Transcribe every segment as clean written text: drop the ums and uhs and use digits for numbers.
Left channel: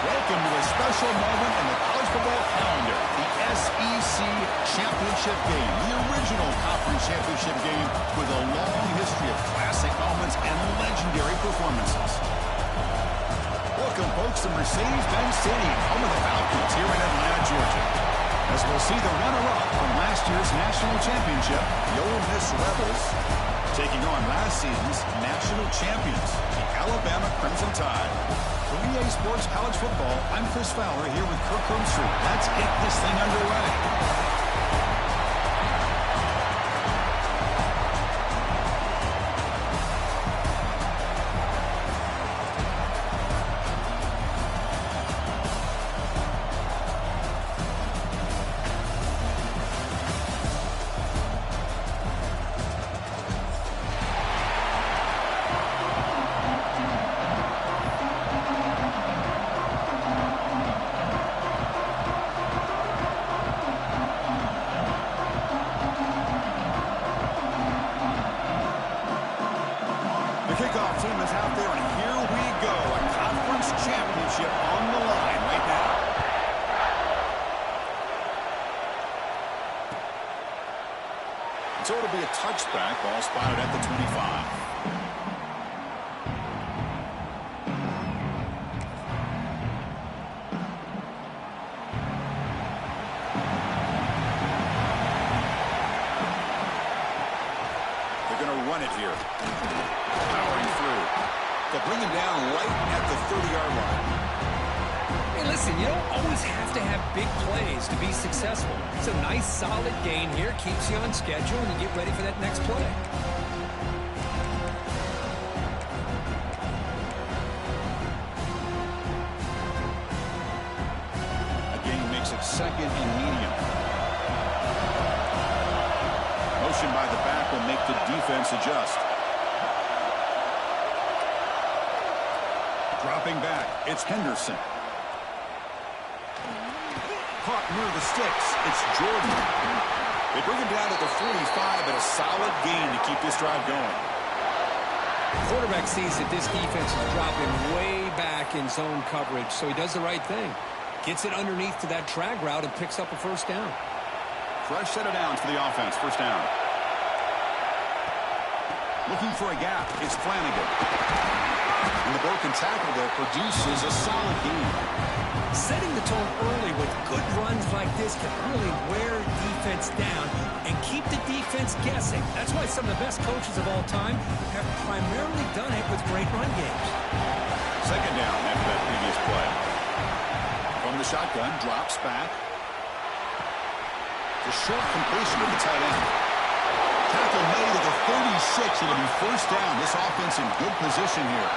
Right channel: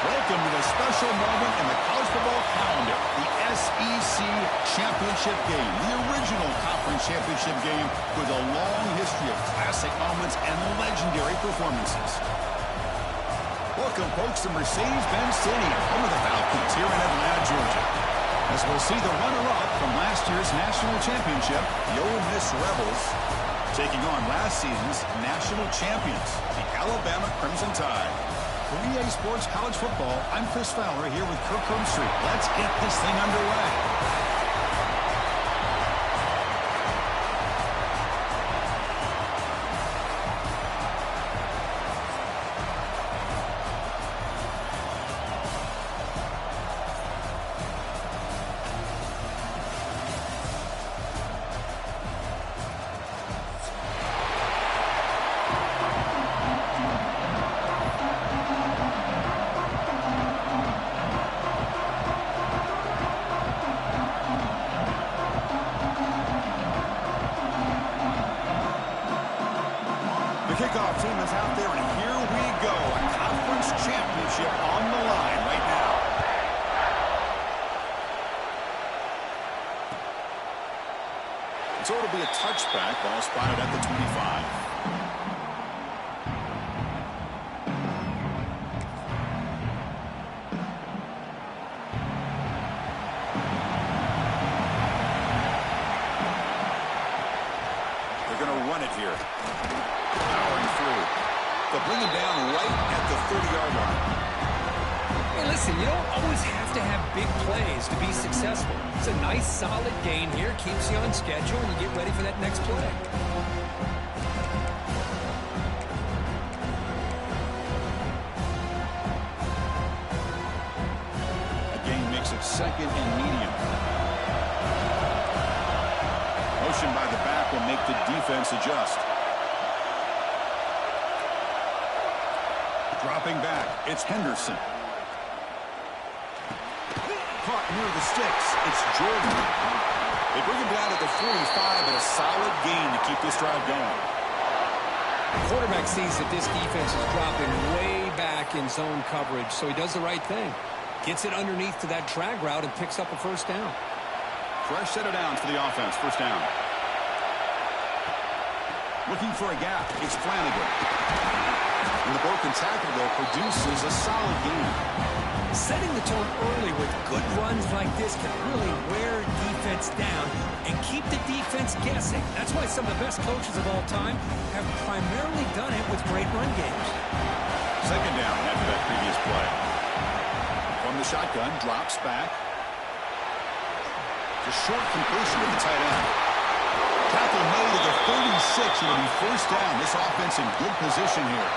Welcome to a special moment in the college football calendar, the SEC Championship Game, the original conference championship game with a long history of classic moments and legendary performances. Welcome, folks, to Mercedes-Benz Stadium, home of the Falcons here in Atlanta, Georgia. As we'll see the runner-up from last year's national championship, the Ole Miss Rebels, taking on last season's national champions, the Alabama Crimson Tide. For EA Sports College Football, I'm Chris Fowler here with Kirk Street. Let's get this thing underway. Kickoff team is out there, and here we go. A conference championship on the line right now. So it'll be a touchback. Ball spotted at the 25. They're going to run it here. Powering through. They'll bring him down right at the 30-yard line. Hey, listen, you don't always have to have big plays to be successful. It's a nice, solid gain here. Keeps you on schedule, and you get ready for that next play. A gain makes it second and medium. Motion by the back will make the defense adjust. Dropping back, it's Henderson. Caught near the sticks, it's Jordan. They bring him down at the 45, but a solid gain to keep this drive going. The quarterback sees that this defense is dropping way back in zone coverage, so he does the right thing. Gets it underneath to that drag route and picks up a first down. Fresh set of downs for the offense, first down. Looking for a gap, it's Flanagan. And the broken tackle there produces a solid gain. Setting the tone early with good runs like this can really wear defense down and keep the defense guessing. That's why some of the best coaches of all time have primarily done it with great run games. Second down after that previous play. From the shotgun, drops back. The short completion to the tight end. Tackle made at the 36. It'll be first down. This offense in good position here.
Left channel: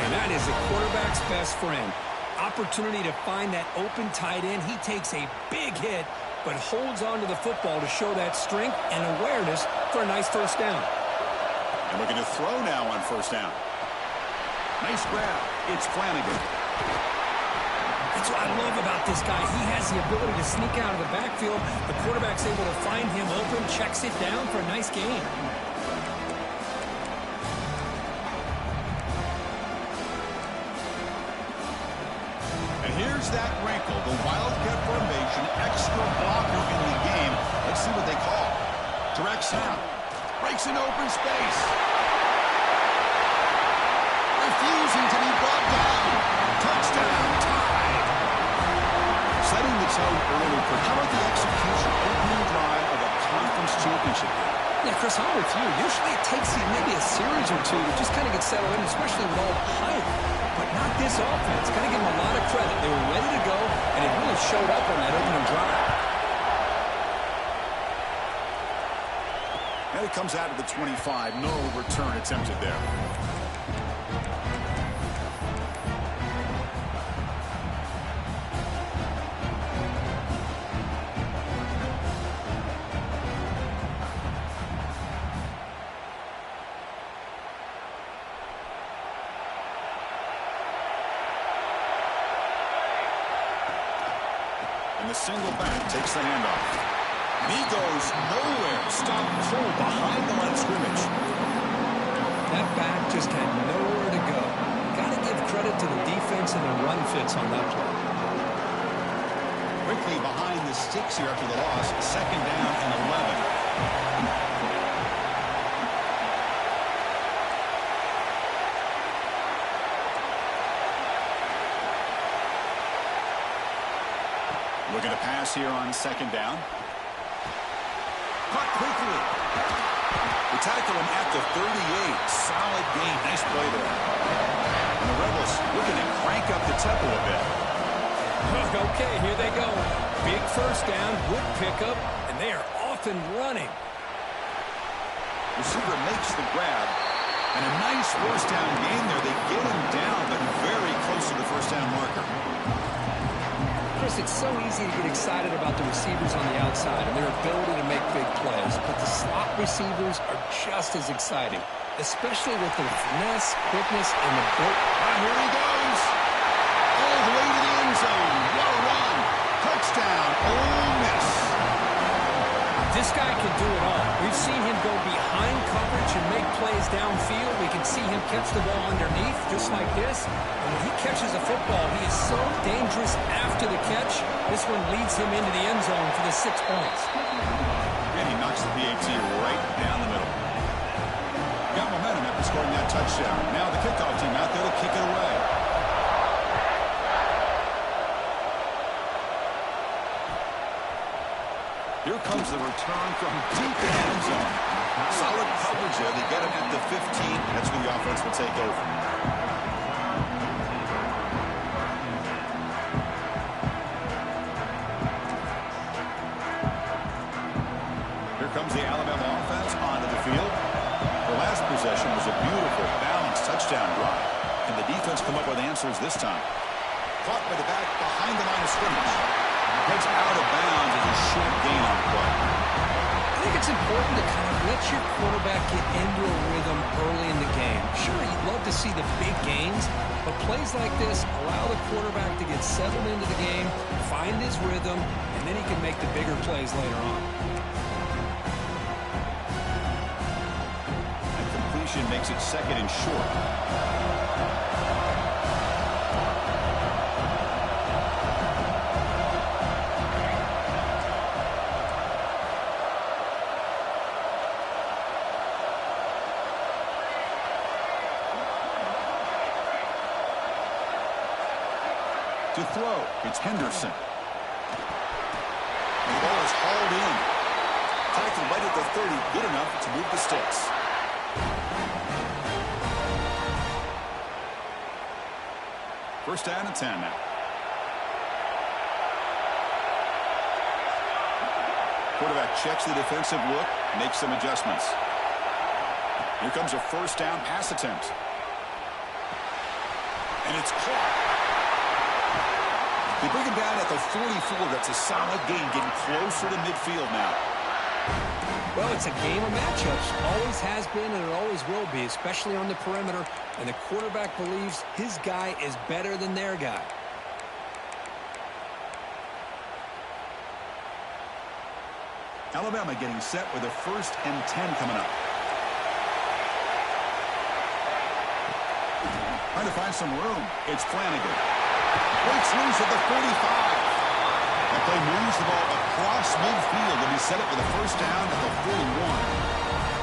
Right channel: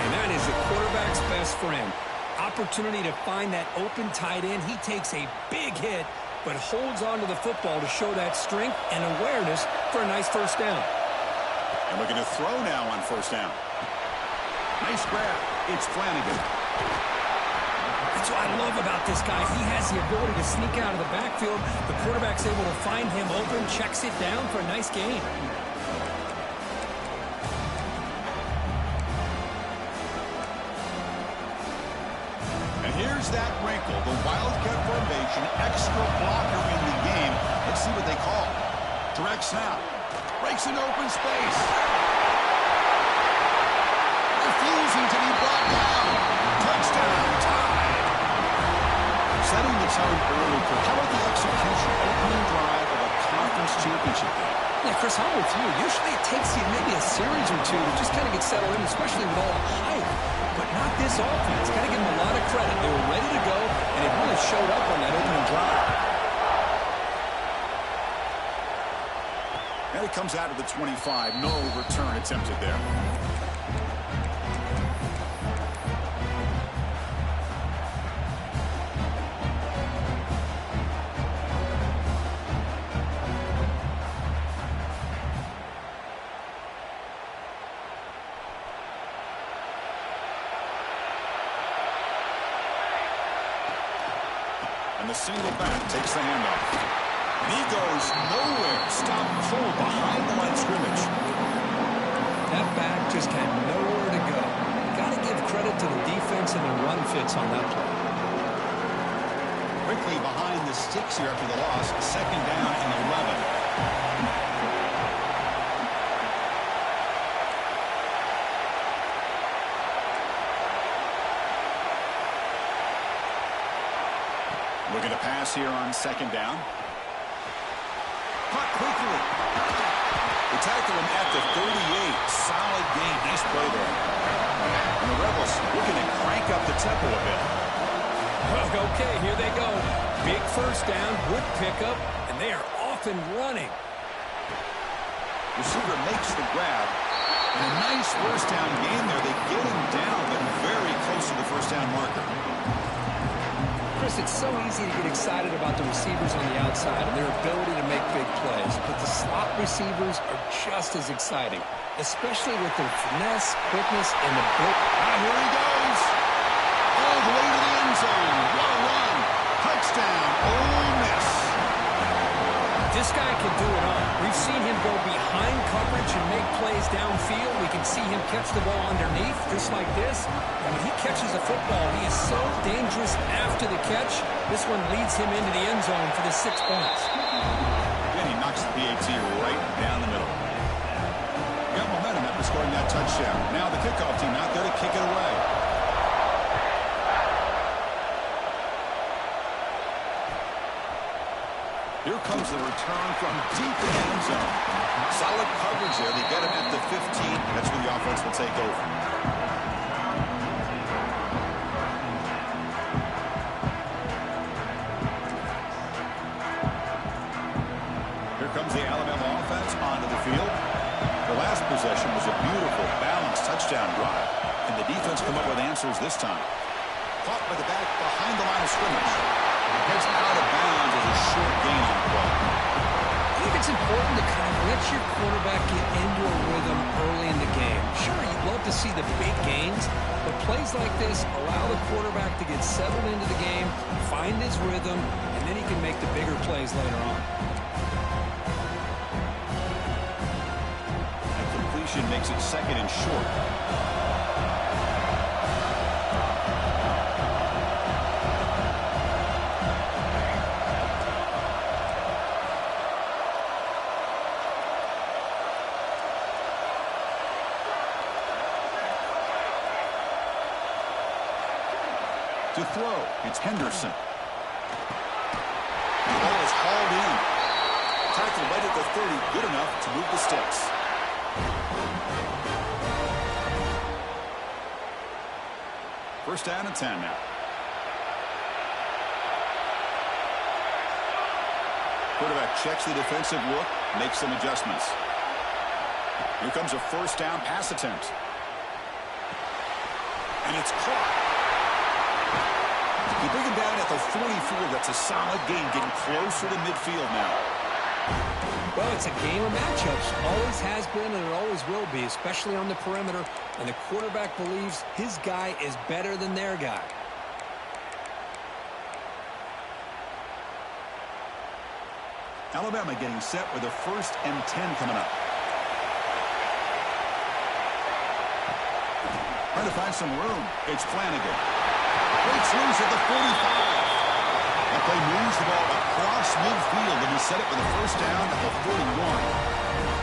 And that is the quarterback's best friend. Opportunity to find that open tight end. He takes a big hit, but holds on to the football to show that strength and awareness for a nice first down. And looking to throw now on first down. Nice grab. It's Flanagan. That's what I love about this guy. He has the ability to sneak out of the backfield. The quarterback's able to find him open, checks it down for a nice gain. And here's that wrinkle, the Wildcat formation, extra blocker in the game. Let's see what they call. Direct snap. Breaks an open space. Refusing to be brought down. Touchdown, Tide. Setting the tone early for how about the execution, opening drive of a conference championship game? Yeah, Chris, I'm with you. Usually it takes you maybe a series or two to just kind of get settled in, especially with all the hype. But not this offense. Got to give them a lot of credit. They were ready to go, and it really showed up on that opening drive. And it comes out of the 25. No return attempted there. And the single back takes the handoff. And he goes nowhere. Stop cold behind the line of scrimmage. That back just had nowhere to go. Got to give credit to the defense and the run fits on that play. Quickly behind the sticks here after the loss. Second down and 11. Looking to pass here on second down. Caught quickly. They tackle him at the 38. Solid game. Nice play there. And the Rebels looking to crank up the tempo a bit. Okay, here they go. Big first down, good pickup, and they are off and running. Receiver makes the grab. And a nice first down gain there. They get him down, but very close to the first down marker. Chris, it's so easy to get excited about the receivers on the outside and their ability to make big plays, but the slot receivers are just as exciting, especially with their finesse, quickness, and the build. Here he goes. All the way to the end zone. What a run. Touchdown, Ole Miss. This guy can do it all. We've seen him go behind coverage and make plays downfield. We can see him catch the ball underneath, just like this. And when he catches a football, he is so dangerous after the catch. This one leads him into the end zone for the 6 points. And he knocks the PAT right down the middle. Got momentum after scoring that touchdown. Now the kickoff team out there to kick it away. Here comes the return from deep in the end zone. Solid coverage there. They get him at the 15. That's where the offense will take over. Here comes the Alabama offense onto the field. The last possession was a beautiful, balanced touchdown drive. And the defense come up with answers this time. Caught by the back behind the line of scrimmage. Heads out of bounds as a short gain on the play. I think it's important to kind of let your quarterback get into a rhythm early in the game. Sure, you'd love to see the big gains, but plays like this allow the quarterback to get settled into the game, find his rhythm, and then he can make the bigger plays later on. That completion makes it second and short. To throw, it's Henderson. The ball is hauled in. Tackled right at the 30, good enough to move the sticks. First down and 10 now. Quarterback checks the defensive look, makes some adjustments. Here comes a first down pass attempt. And it's caught. They bring him down at the 44. That's a solid gain, getting closer to midfield now. Well, it's a game of matchups. Always has been and it always will be, especially on the perimeter. And the quarterback believes his guy is better than their guy. Alabama getting set with a 1st and 10 coming up. Trying to find some room. It's Flanagan. Breaks loose at the 45. That play moves the ball across midfield, and he set it with a first down at the 41.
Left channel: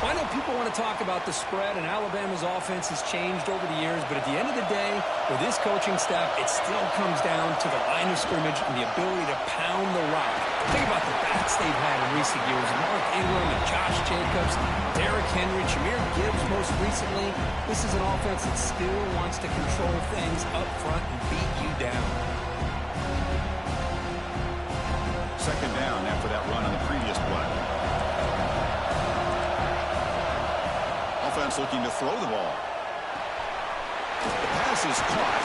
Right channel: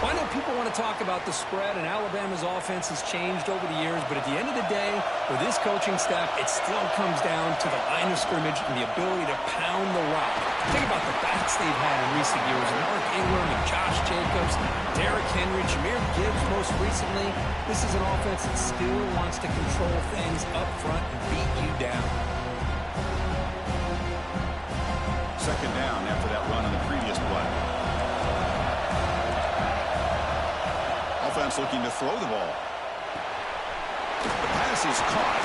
Well, I know people want to talk about the spread, and Alabama's offense has changed over the years, but at the end of the day, with this coaching staff, it still comes down to the line of scrimmage and the ability to pound the rock. Think about the backs they've had in recent years, Mark Ingram and Josh Jacobs, Derrick Henry, Jahmyr Gibbs most recently. This is an offense that still wants to control things up front and beat you down. Second down after that run on the previous play. defense looking to throw the ball. The pass is caught.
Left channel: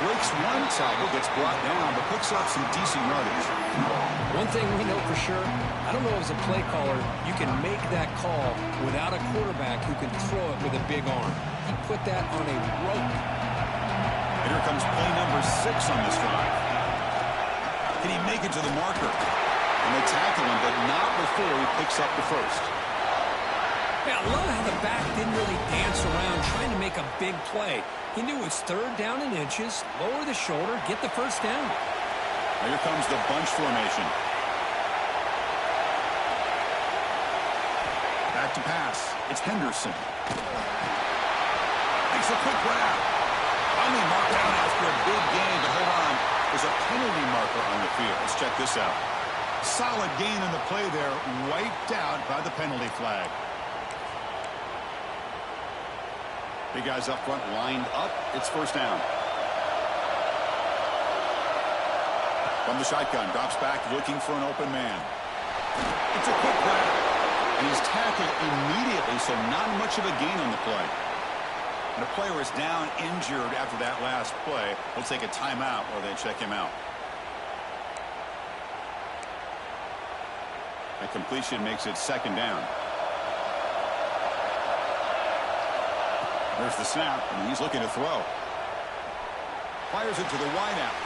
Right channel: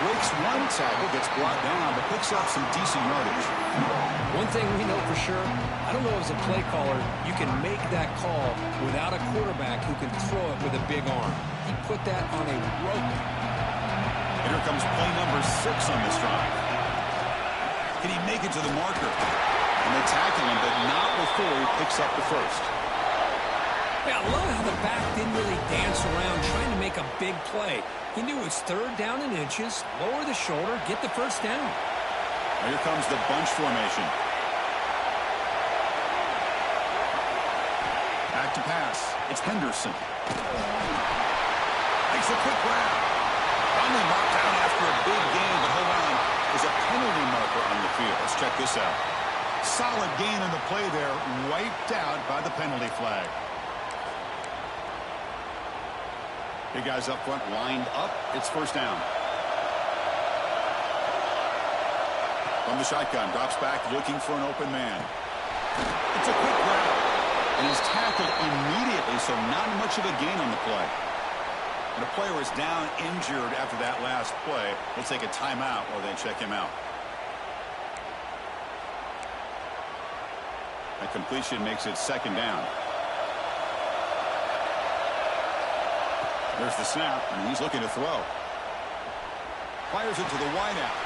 Breaks one tackle, gets brought down, but picks up some decent yardage. One thing we know for sure, I don't know as a play caller, you can make that call without a quarterback who can throw it with a big arm. He put that on a rope. And here comes play number 6 on this drive. Can he make it to the marker? And they tackle him, but not before he picks up the first. Yeah, I love how the back didn't really dance around trying to make a big play. He knew it was 3rd down and inches, lower the shoulder, get the first down. Now here comes the bunch formation. Back to pass. It's Henderson. Makes a quick grab. Finally marked down after a big gain, but hold on. There's a penalty marker on the field. Let's check this out. Solid gain in the play there, wiped out by the penalty flag. Big guys up front lined up. It's first down. From the shotgun, drops back looking for an open man. It's a quick grab. And he's tackled immediately, so not much of a gain on the play. And a player is down injured after that last play. We'll take a timeout while they check him out. That completion makes it second down. There's the snap, and he's looking to throw. Fires it to the wideout.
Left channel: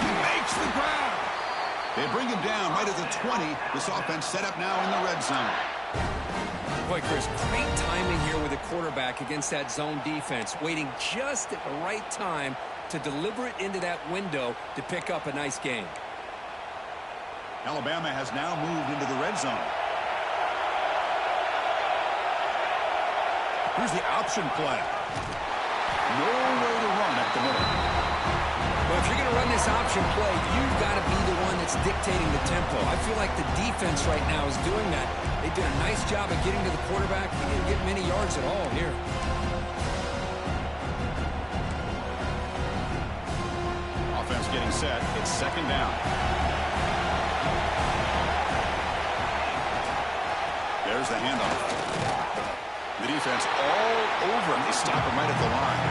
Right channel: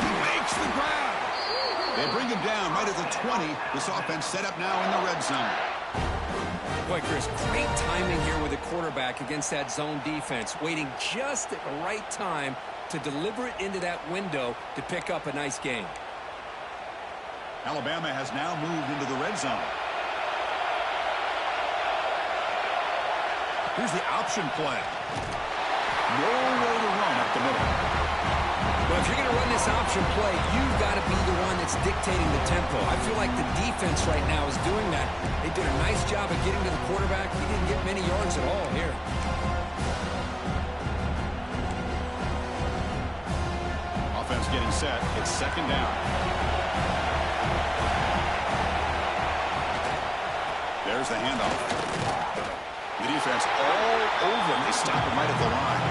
He makes the grab. They bring him down right at the 20. This offense set up now in the red zone. Boy, Chris, great timing here with the quarterback against that zone defense, waiting just at the right time to deliver it into that window to pick up a nice gain. Alabama has now moved into the red zone. Here's the option play. No way to run up the middle. Well, if you're going to run this option play, you've got to be the one that's dictating the tempo. I feel like the defense right now is doing that. They did a nice job of getting to the quarterback. He didn't get many yards at all here. Offense getting set. It's second down. There's the handoff. The defense all over him. They stop him right at the line.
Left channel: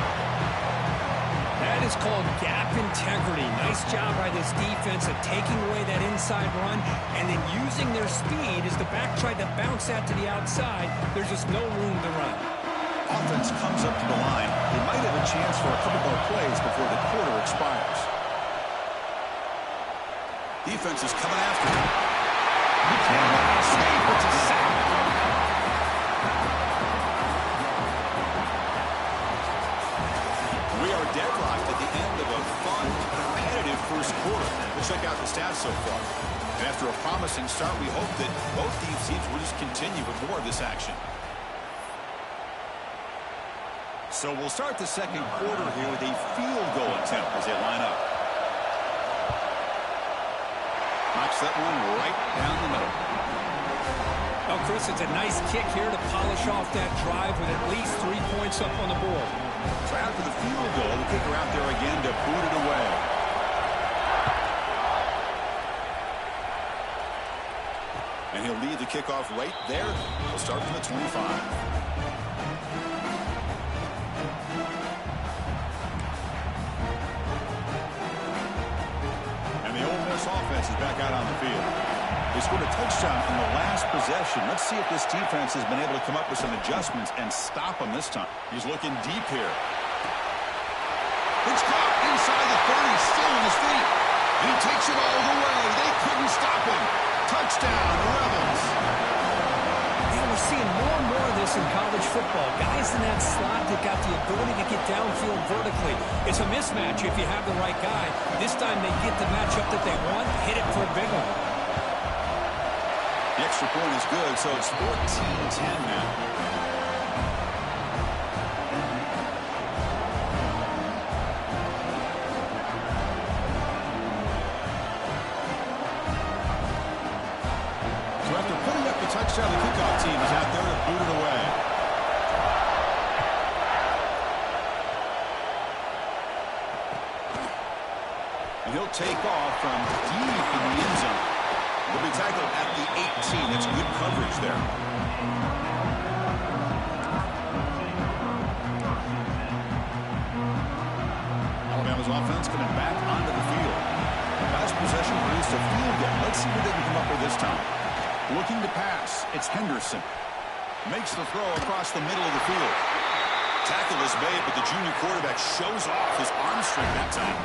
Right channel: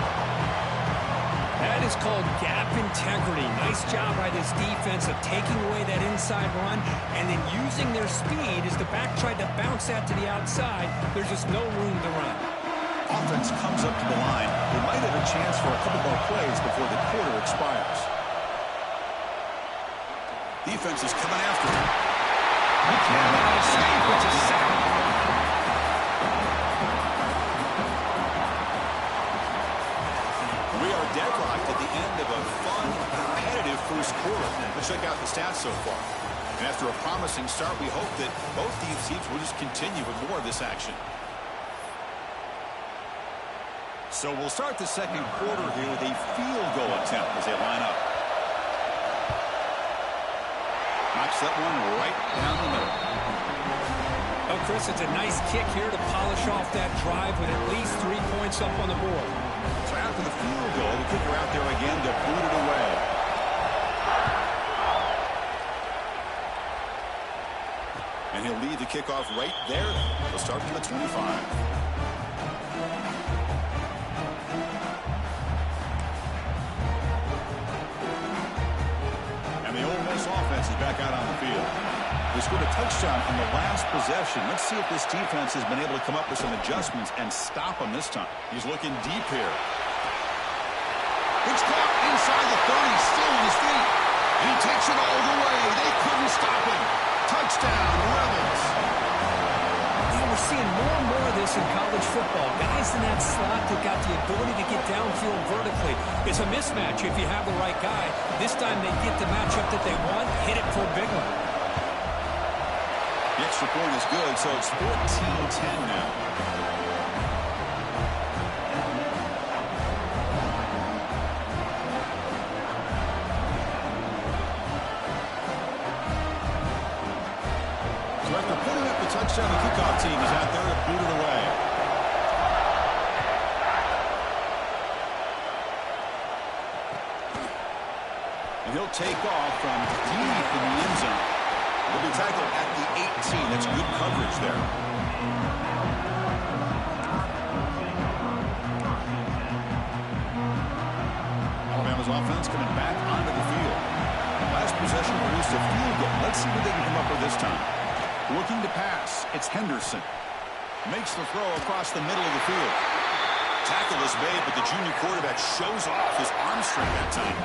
That is called gap integrity. Nice job by this defense of taking away that inside run and then using their speed as the back tried to bounce that to the outside. There's just no room to run. Offense comes up to the line. They might have a chance for a couple more plays before the quarter expires. Defense is coming after him. He cannot escape. It's a sack. We are deadlocked at the end of a fun, competitive first quarter. Let's check out the stats so far. And after a promising start, we hope that both these teams will just continue with more of this action. So we'll start the second quarter here with a field goal attempt as they line up. Knocks that one right down the middle. Oh, Chris, it's a nice kick here to polish off that drive with at least 3 points up on the board. So after the field goal, the kicker out there again to boot it away. And he'll lead the kickoff right there. He'll start from the 25. And the Ole Miss offense is back out on the field. They scored a touchdown on the last possession. Let's see if this defense has been able to come up with some adjustments and stop him this time. He's looking deep here. It's caught inside the 30, still on his feet. And he takes it all the way. They couldn't stop him. Touchdown, Rebels. You know, we're seeing more and more of this in college football. Guys in that slot that got the ability to get downfield vertically. It's a mismatch if you have the right guy. This time they get the matchup that they want, hit it for a big one. The extra point is good, so it's 14-10 now. So after putting up the touchdown, the kickoff team is out there to boot it away. And he'll take off from deep in the end zone. He'll be tackled at the 18. That's good coverage there. Alabama's offense coming back onto the field. The last possession produced a field goal. Let's see what they can come up with this time. Looking to pass. It's Henderson. Makes the throw across the middle of the field. Tackle is made, but the junior quarterback shows off his arm strength that time.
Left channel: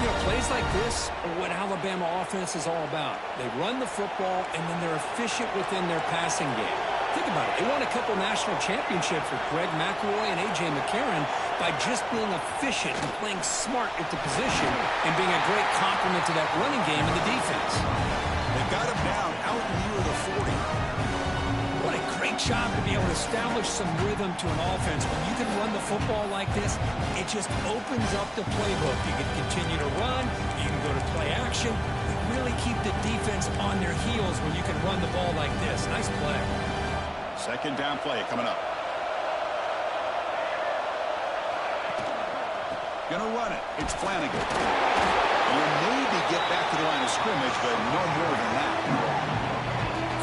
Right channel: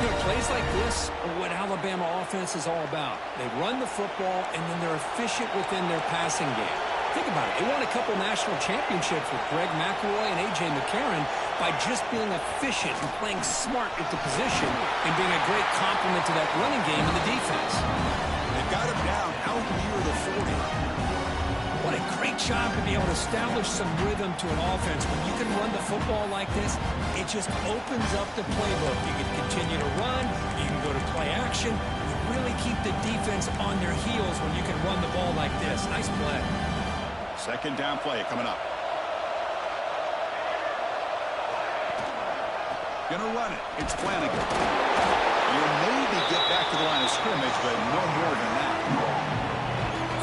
You know, plays like this are what Alabama offense is all about. They run the football, and then they're efficient within their passing game. Think about it. They won a couple national championships with Greg McElroy and A.J. McCarron by just being efficient and playing smart at the position and being a great complement to that running game in the defense. They've got him down out near the 40. What a great job to be able to establish some rhythm to an offense. When you can run the football like this, it just opens up the playbook. You can continue to run. You can go to play action. You really keep the defense on their heels when you can run the ball like this. Nice play. Second down play coming up. Gonna run it. It's Flanagan. And he'll maybe get back to the line of scrimmage, but no more than that.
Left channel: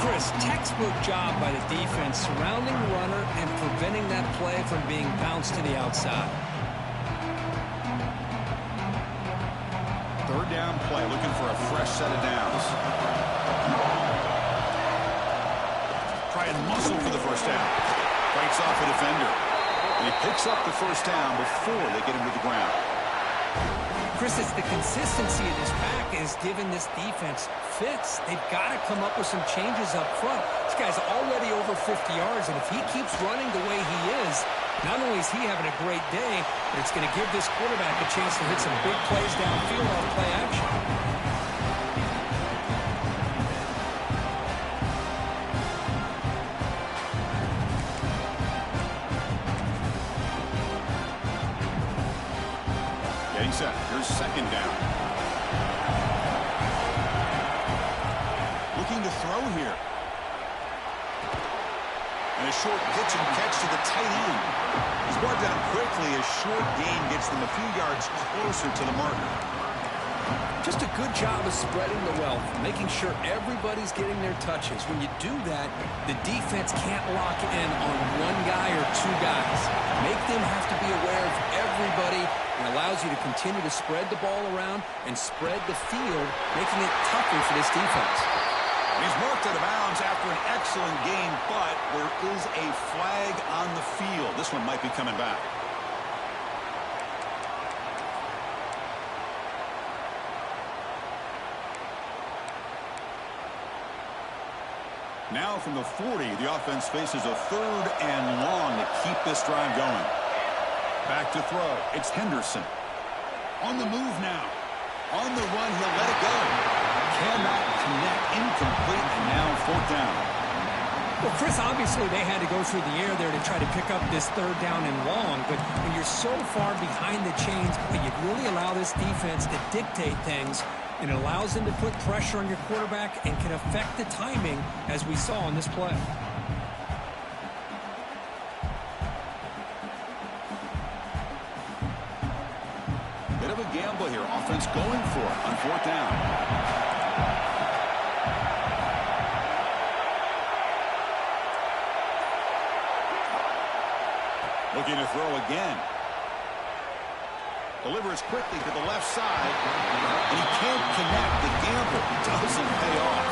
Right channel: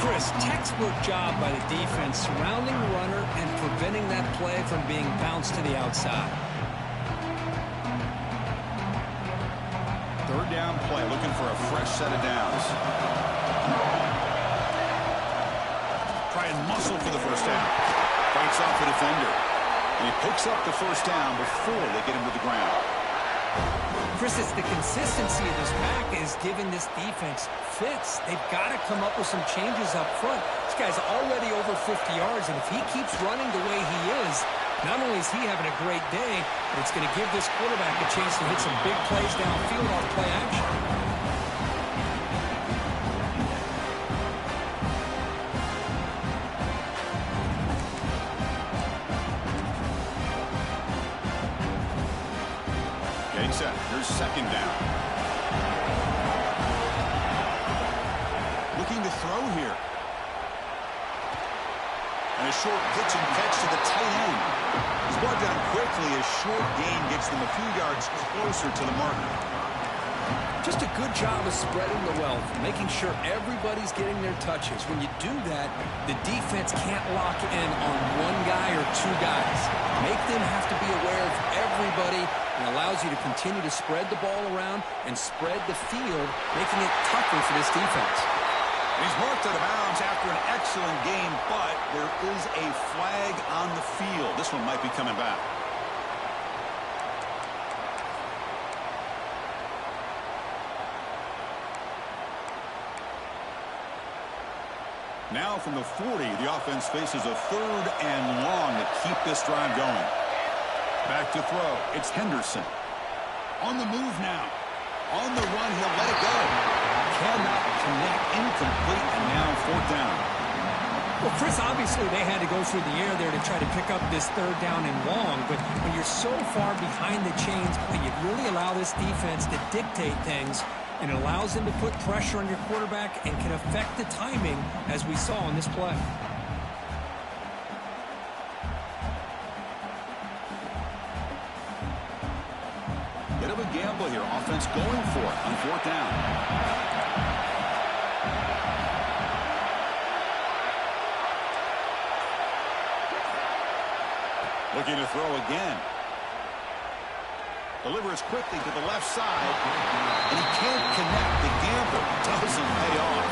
Chris, textbook job by the defense surrounding the runner and preventing that play from being bounced to the outside. Third down play, looking for a fresh set of downs. Try and muscle for the first down. Fights off a defender. And he picks up the first down before they get him to the ground. Chris, it's the consistency of this back is giving this defense fits. They've got to come up with some changes up front. This guy's already over 50 yards, and if he keeps running the way he is, not only is he having a great day, but it's going to give this quarterback a chance to hit some big plays downfield off play action. Set. Here's second down. Looking to throw here. And a short pitch and catch to the tight end. He's brought down quickly. A short gain gets them a few yards closer to the marker. Just a good job of spreading the wealth, making sure everybody's getting their touches. When you do that, the defense can't lock in on one guy or two guys. Make them have to be aware of everybody. It allows you to continue to spread the ball around and spread the field, making it tougher for this defense. He's marked out of bounds after an excellent game, but there is a flag on the field. This one might be coming back. Now from the 40, the offense faces a third and long to keep this drive going. Back to throw. It's Henderson. On the move now. On the run, he'll let it go. Cannot connect. Incomplete, and now fourth down. Well, Chris, obviously they had to go through the air there to try to pick up this third down and long, but when you're so far behind the chains, you really allow this defense to dictate things, and it allows them to put pressure on your quarterback and can affect the timing, as we saw on this play. Bit of a gamble here. Offense going for it on fourth down. Looking to throw again. Delivers quickly to the left side, and he can't connect. The gamble doesn't pay off.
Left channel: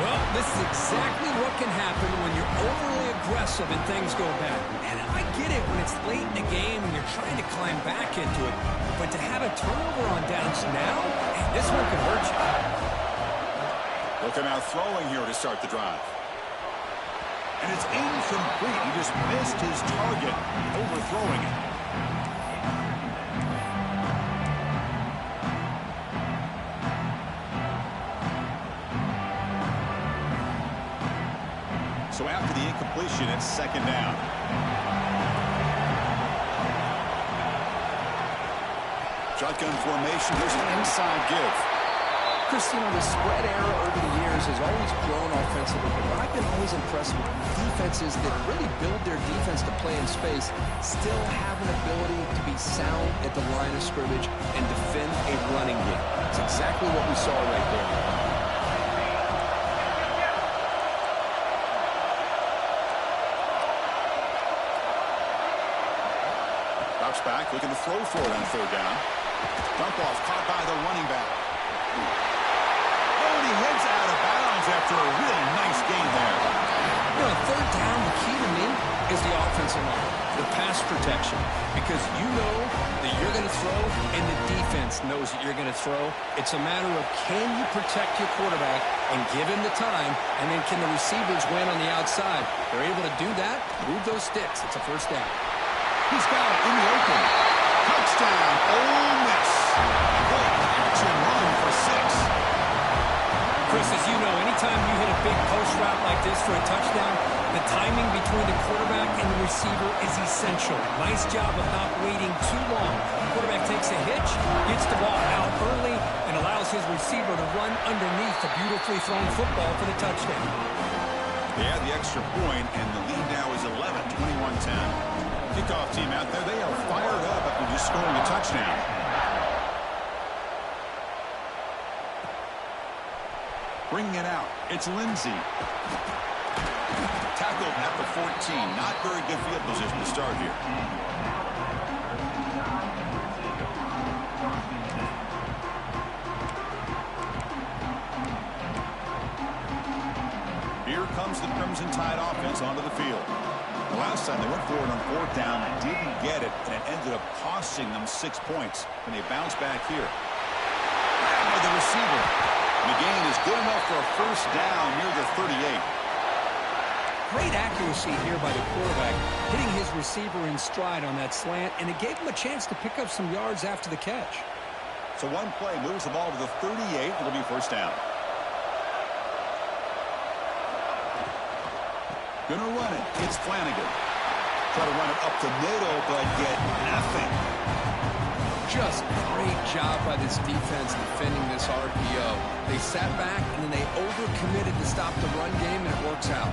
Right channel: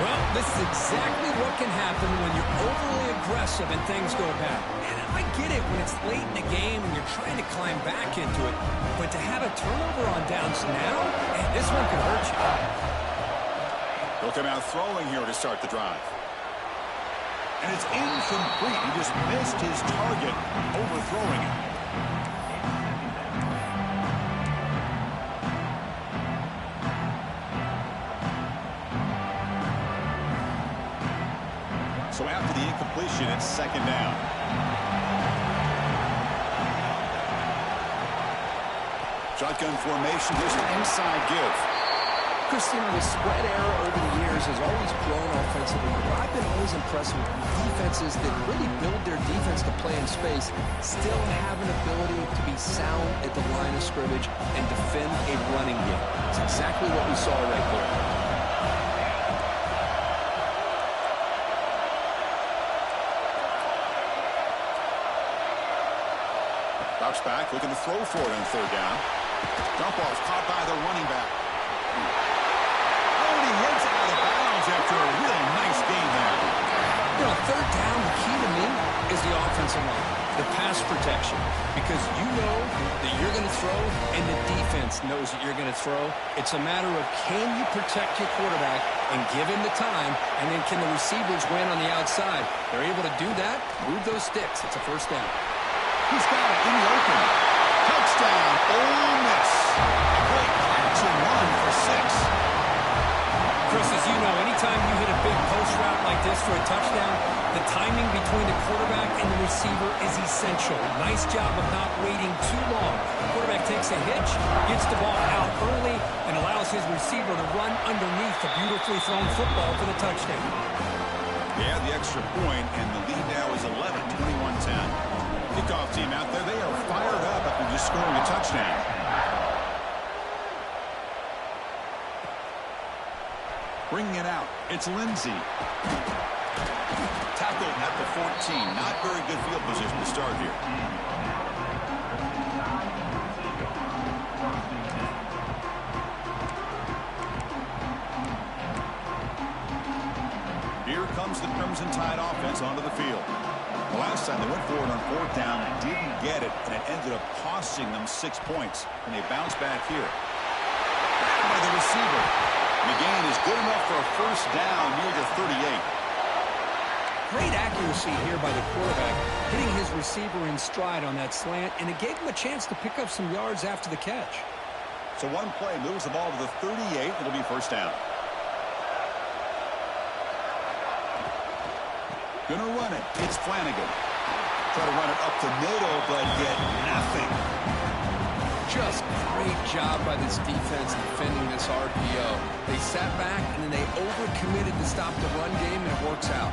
Well, this is exactly what can happen when you're overly aggressive and things go bad. And I get it when it's late in the game and you're trying to climb back into it, but to have a turnover on downs now, man, this one could hurt you. He'll come out throwing here to start the drive. And it's incomplete. He just missed his target, overthrowing it. So after the incompletion, it's second down. Shotgun formation. Here's an inside give. Chris, you know, the spread era over the years has always grown offensively, but I've been always impressed with defenses that really build their defense to play in space, still have an ability to be sound at the line of scrimmage and defend a running game. It's exactly what we saw right there. Drops back, looking to throw for it on third down. Dump off, caught by the running back. Oh, and he heads out of bounds after a really nice gain there. You know, third down, the key to me is the offensive line, the pass protection, because you know that you're going to throw and the defense knows that you're going to throw. It's a matter of can you protect your quarterback and give him the time, and then can the receivers win on the outside? They're able to do that, move those sticks. It's a first down. He's got it in the open. Touchdown, Ole Miss. A great catch and run for 6. Chris, as you know, anytime you hit a big post route like this for a touchdown, the timing between the quarterback and the receiver is essential. Nice job of not waiting too long. Quarterback takes a hitch, gets the ball out early, and allows his receiver to run underneath the beautifully thrown football for the touchdown. They had the extra point, and the lead now is 11, 21-10. Kickoff team out there, they are fired up after just scoring a touchdown. Bringing it out, it's Lindsey. Tackled at the 14. Not very good field position to start here. Here comes the Crimson Tide offense onto the field. The last time they went forward on fourth down, didn't get it, and it ended up costing them 6 points. And they bounce back here. Grabbed by the receiver. The gain is good enough for a first down near the 38. Great accuracy here by the quarterback, hitting his receiver in stride on that slant, and it gave him a chance to pick up some yards after the catch. So one play moves the ball to the 38. It'll be first down. Gonna run it. It's Flanagan. Try to run it up the middle, but get nothing. Just great job by this defense defending this RPO. They sat back, and then they overcommitted to stop the run game, and it works out.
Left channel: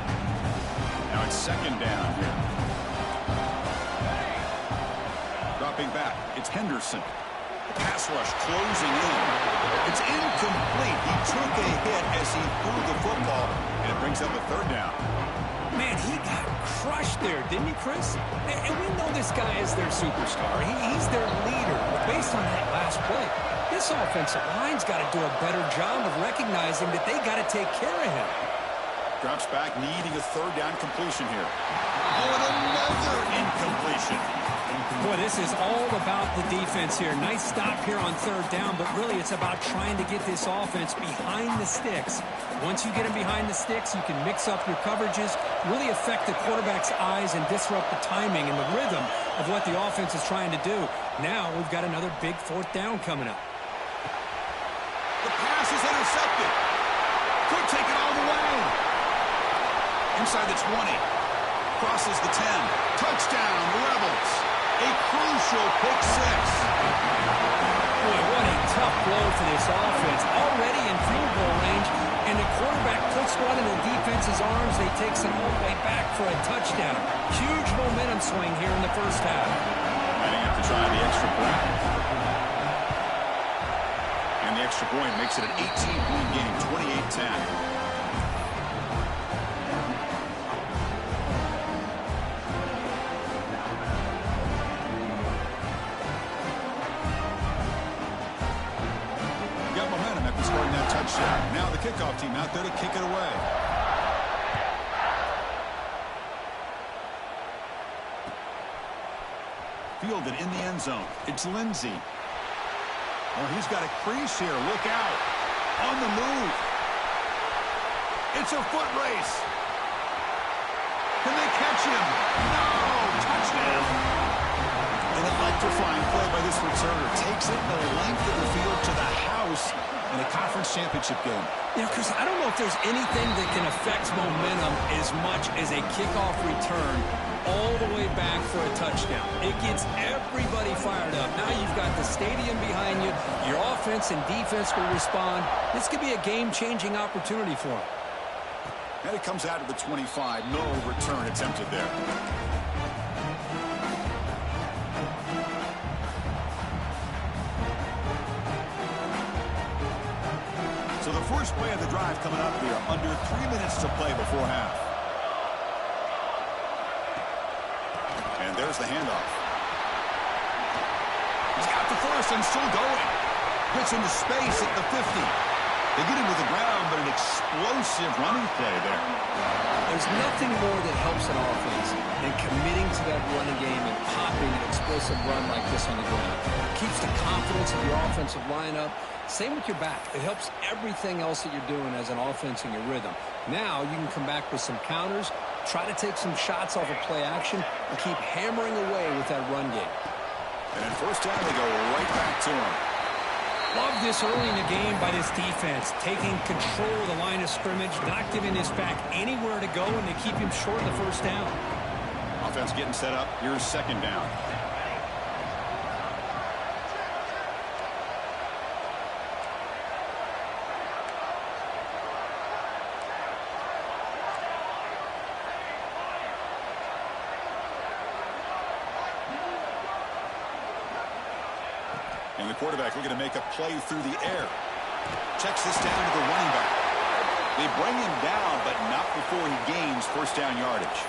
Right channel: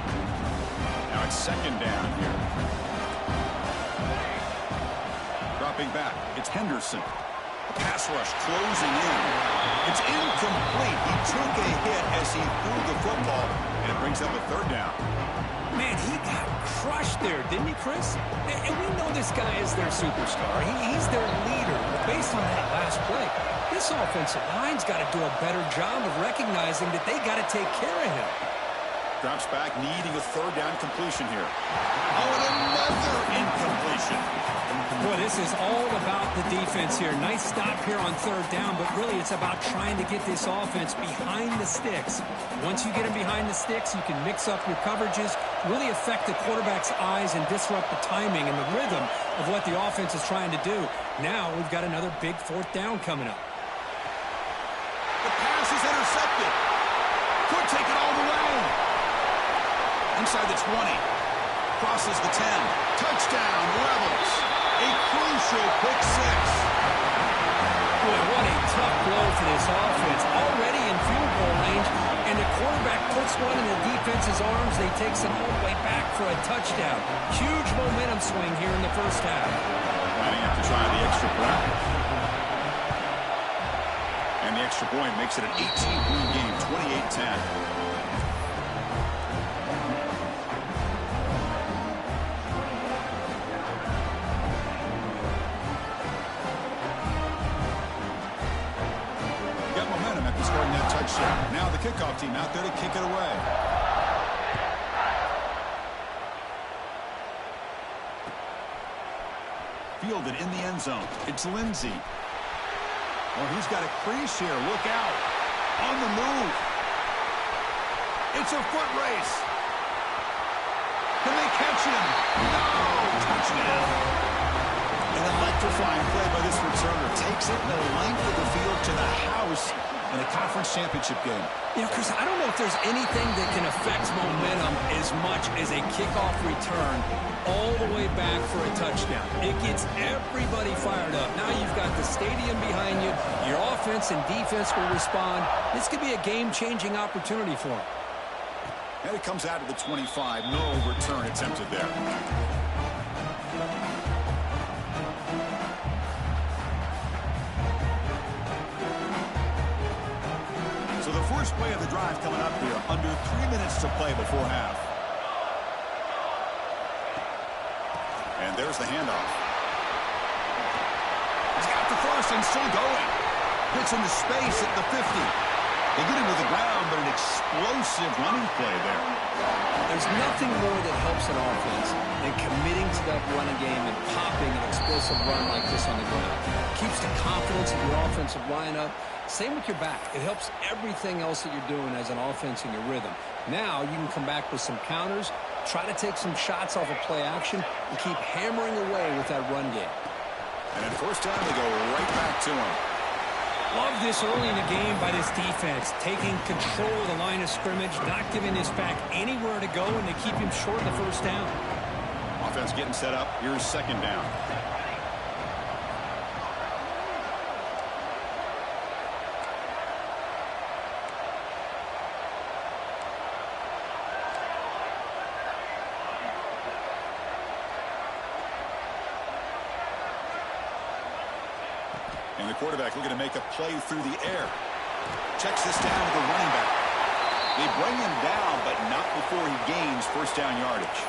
Now it's second down here. Dropping back, it's Henderson. The pass rush closing in. It's incomplete. He took a hit as he threw the football, and it brings up a third down. Man, he got crushed there, didn't he, Chris? And we know this guy is their superstar. He's their leader. But based on that last play, this offensive line's got to do a better job of recognizing that they got to take care of him. Drops back, needing a third down completion here. Oh, and another incompletion. Boy, this is all about the defense here. Nice stop here on third down, but really it's about trying to get this offense behind the sticks. Once you get them behind the sticks, you can mix up your coverages, really affect the quarterback's eyes and disrupt the timing and the rhythm of what the offense is trying to do. Now we've got another big fourth down coming up. The pass is intercepted. Could take it all the way. Inside the 20. Crosses the 10. Touchdown, Rebels. A crucial pick six. Boy, what a tough blow for this offense. Already in field goal range, and the quarterback puts one in the defense's arms. They takes it all the way back for a touchdown. Huge momentum swing here in the first half. Might have to try the extra point. And the extra point makes it an 18-point game, 28-10. Scoring that touchdown. Now the kickoff team out there to kick it away. Fielded in the end zone. It's Lindsey. Oh, he's got a crease here. Look out. On the move. It's a foot race. Can they catch him? No! Touchdown! An electrifying play by this returner. Takes it the length of the field to the house in a conference championship game. You know, Chris, I don't know if there's anything that can affect momentum as much as a kickoff return all the way back for a touchdown. It gets everybody fired up. Now you've got the stadium behind you. Your offense and defense will respond. This could be a game-changing opportunity for them. And it comes out of the 25. No return attempted there. So the first play of the drive coming up here. Under 3 minutes to play before half. And there's the handoff. He's got the first and still going. Gets into space at the 50. They get him to the ground, but an explosive running play there. There's nothing more that helps an offense than committing to that running game and popping an explosive run like this on the ground. Keeps the confidence of your offensive lineup. Same with your back. It helps everything else that you're doing as an offense in your rhythm. Now you can come back with some counters, try to take some shots off of play action, and keep hammering away with that run game. And in first down, they go right back to him. Love this early in the game by this defense, taking control of the line of scrimmage, not giving this back anywhere to go, and to keep him short of the first down. Offense getting set up. Here's second down. And the quarterback looking to make a play through the air. Checks this down to the running back. They bring him down, but not before he gains first down yardage.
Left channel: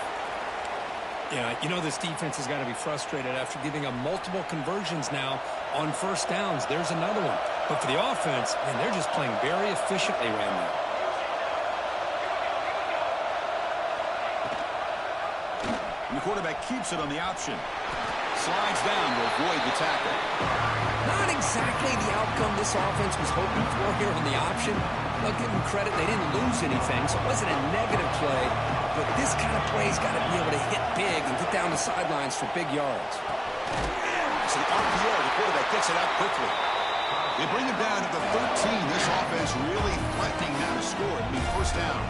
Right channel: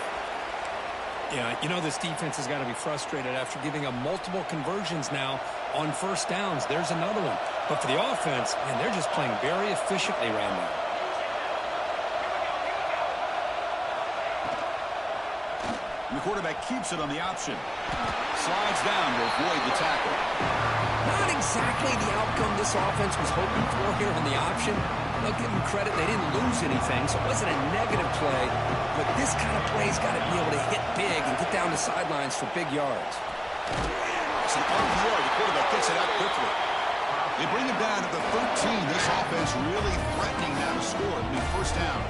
Yeah, you know this defense has got to be frustrated after giving up multiple conversions now on first downs. There's another one. But for the offense, man, they're just playing very efficiently right now. And the quarterback keeps it on the option. Slides down to avoid the tackle. Not exactly the outcome this offense was hoping for here on the option. They'll give them credit. They didn't lose anything, so it wasn't a negative play. But this kind of play's got to be able to hit big and get down the sidelines for big yards. It's an RPO. The quarterback gets it out quickly. They bring him down to the 13. This offense really threatening now to score. It'll be first down.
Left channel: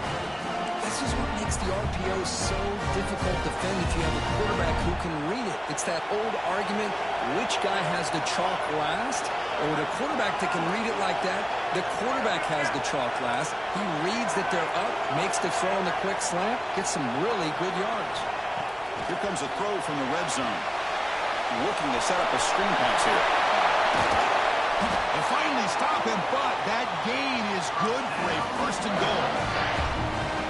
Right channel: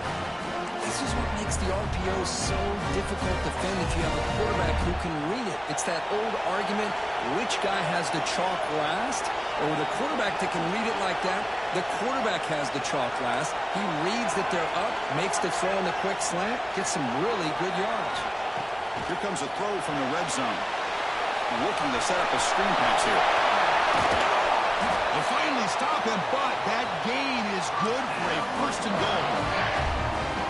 This is what makes the RPO so difficult to defend if you have a quarterback who can read it. It's that old argument, which guy has the chalk last? Or with a quarterback that can read it like that, the quarterback has the chalk last. He reads that they're up, makes the throw in the quick slant, gets some really good yards. Here comes a throw from the red zone. Looking to set up a screen pass here. They finally stop him, but that gain is good for a first and goal.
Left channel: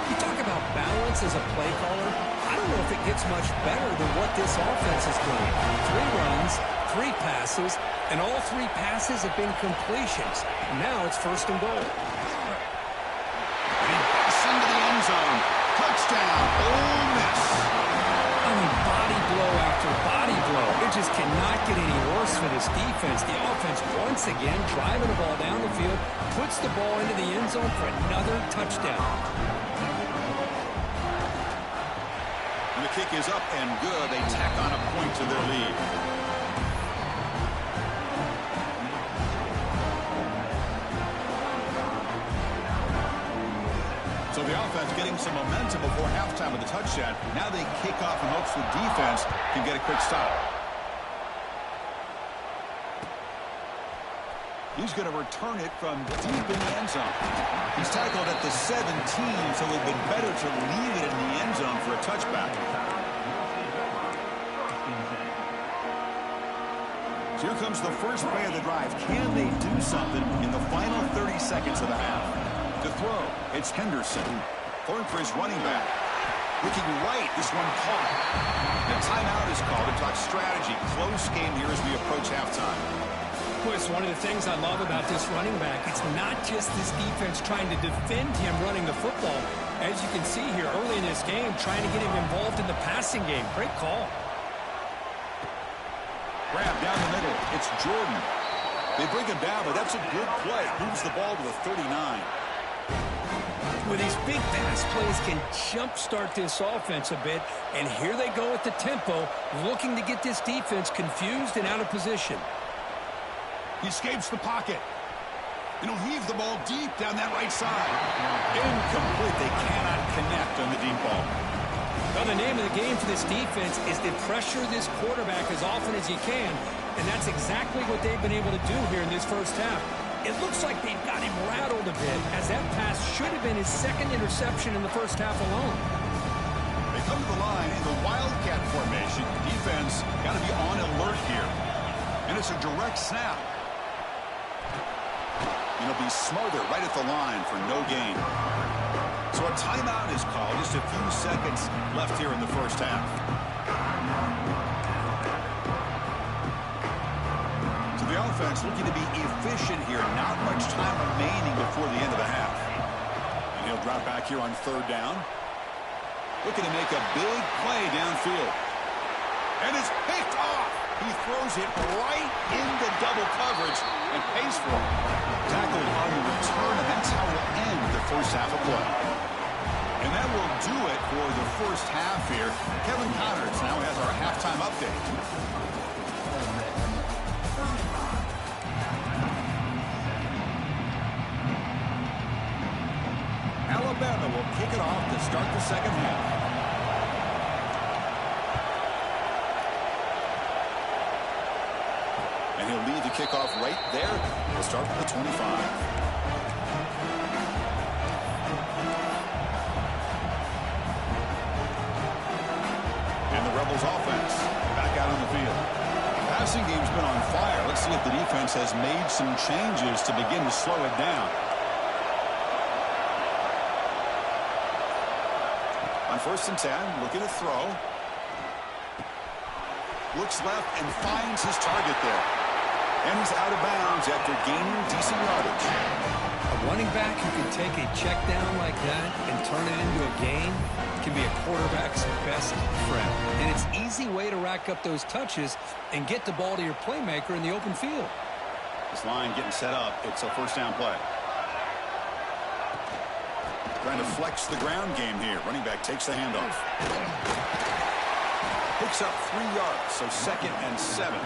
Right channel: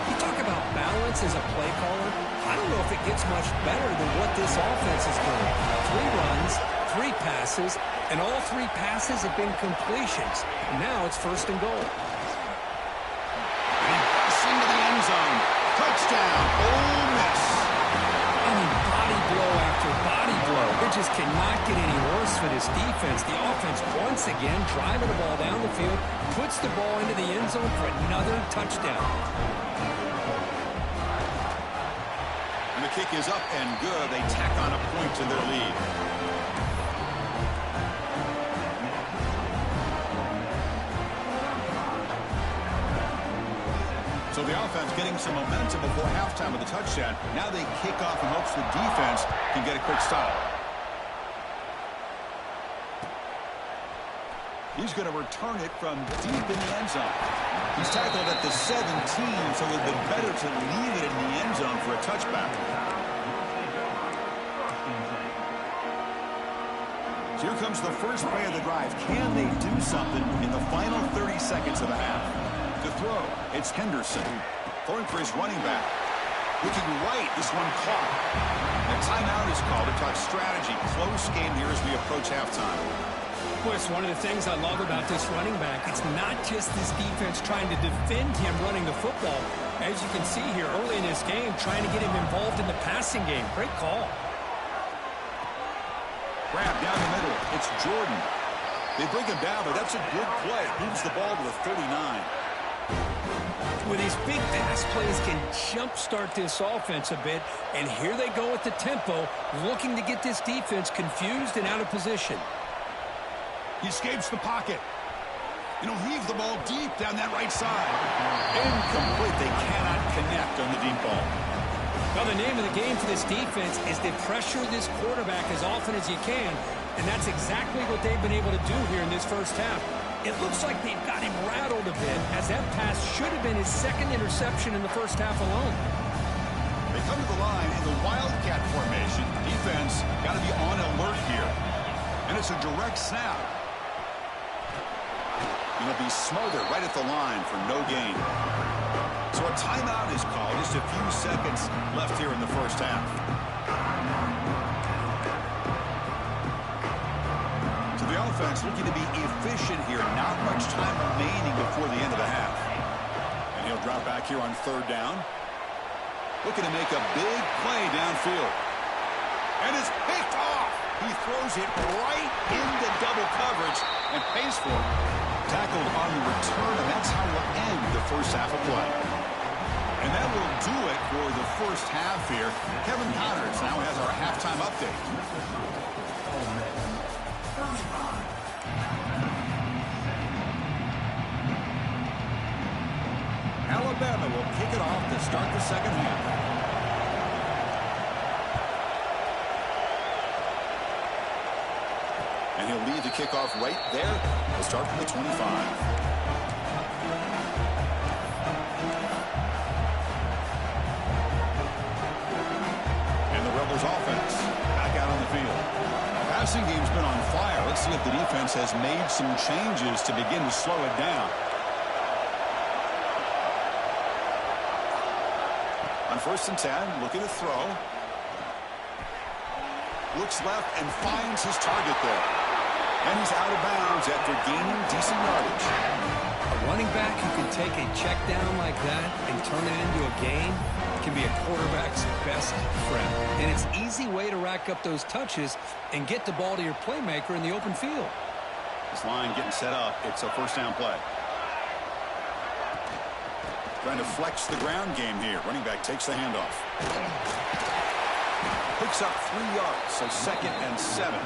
You talk about balance as a play caller. I don't know if it gets much better than what this offense is doing. 3 runs, 3 passes, and all 3 passes have been completions. Now it's first and goal. And he busts into the end zone. Touchdown, Ole Miss. I mean, body blow after body blow. It just cannot get any worse for this defense. The offense, once again, driving the ball down the field, puts the ball into the end zone for another touchdown. And the kick is up and good. They tack on a point to their lead. So the offense getting some momentum before halftime with the touchdown. Now they kick off in hopes the defense can get a quick stop. He's going to return it from deep in the end zone. He's tackled at the 17, so it would have been better to leave it in the end zone for a touchback. So here comes the first play of the drive. Can they do something in the final 30 seconds of the half? To throw, it's Henderson. Throwing for his running back. Looking right, this one caught. And a timeout is called to talk strategy. Close game here as we approach halftime. Boy, it's one of the things I love about this running back. It's not just this defense trying to defend him running the football. As you can see here early in this game, trying to get him involved in the passing game. Great call. Grab down the middle. It's Jordan. They bring him down, but that's a good play. Moves the ball to the 39. Well, these big pass plays can jumpstart this offense a bit, and here they go at the tempo, looking to get this defense confused and out of position. He escapes the pocket. And he'll heave the ball deep down that right side. Incomplete. They cannot connect on the deep ball. Well, the name of the game for this defense is to pressure this quarterback as often as you can, and that's exactly what they've been able to do here in this first half. It looks like they've got him rattled a bit, as that pass should have been his second interception in the first half alone. They come to the line in the Wildcat formation. Defense got to be on alert here. And it's a direct snap. And he'll be smothered right at the line for no gain. So a timeout is called. Just a few seconds left here in the first half. The offense looking to be efficient here. Not much time remaining before the end of the half. And he'll drop back here on 3rd down. Looking to make a big play downfield. And it's picked off. He throws it right into double coverage and pays for it. Tackled on the return, and that's how we'll end the first half of play. And that will do it for the first half here. Kevin Connors now has our halftime update. Alabama will kick it off to start the second half. And he'll lead the kickoff right there. We'll start from the 25. And the Rebels offense back out on the field. Passing game's been on fire. Let's see if the defense has made some changes to begin to slow it down. On 1st and 10, looking to throw. Looks left and finds his target there. And he's out of bounds after gaining decent yardage. A running back who can take a check down like that and turn it into a gain can be a quarterback's best friend. And it's an easy way to rack up those touches and get the ball to your playmaker in the open field. This line getting set up. It's a 1st down play. Trying to flex the ground game here. Running back takes the handoff. Picks up 3 yards, so 2nd and 7.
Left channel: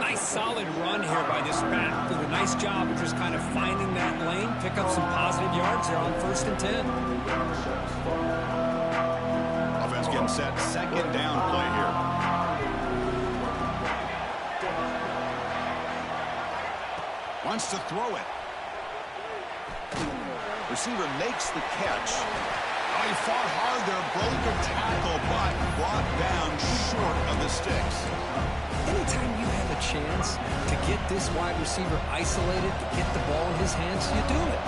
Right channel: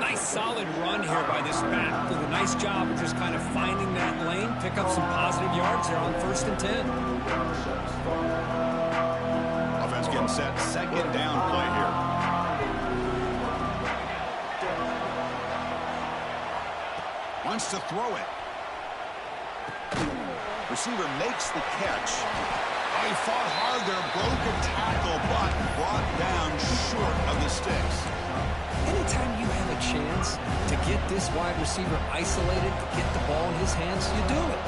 Nice solid run here by this back. Did a nice job of just kind of finding that lane, pick up some positive yards there on 1st and 10. Offense getting set. 2nd down play here. Wants to throw it. Receiver makes the catch. Oh, he fought hard there, broke a tackle, but brought down short of the sticks. Anytime you have a chance to get this wide receiver isolated, to get the ball in his hands, you do it.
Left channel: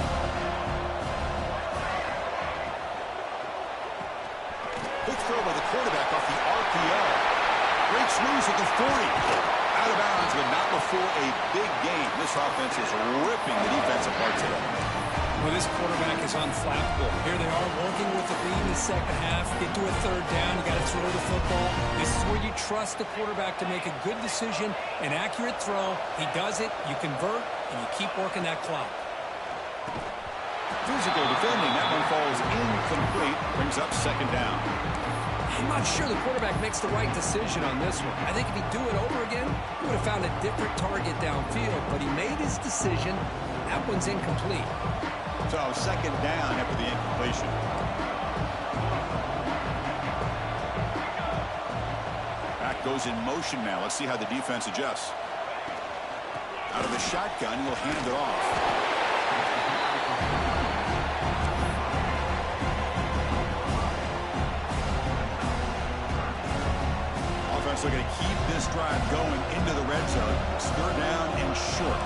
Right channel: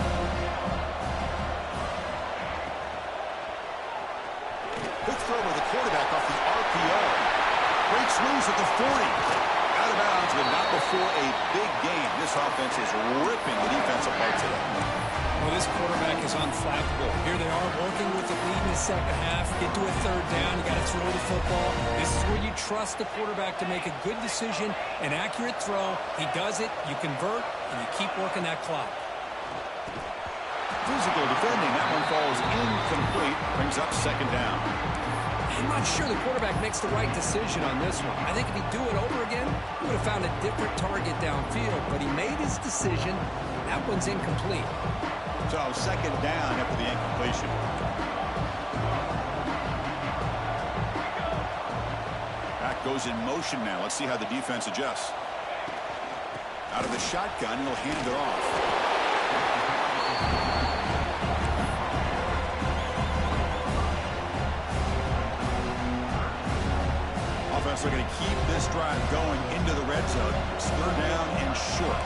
Quick throw by the quarterback off the RPO. Breaks loose at the 40. Out of bounds, but not before a big game. This offense is ripping the defense apart today. Well, this quarterback is unflappable. Here they are working with the lead in the second half. Get to a 3rd down. You got to throw the football. This is where you trust the quarterback to make a good decision, an accurate throw. He does it, you convert, and you keep working that clock. Physical defending. That one falls incomplete. Brings up 2nd down. I'm not sure the quarterback makes the right decision on this one. I think if he'd do it over again, he would have found a different target downfield, but he made his decision. That one's incomplete. So 2nd down after the incompletion. Back goes in motion now. Let's see how the defense adjusts. Out of the shotgun, he'll hand it off. Offense looking to keep this drive going into the red zone. It's 3rd down and short.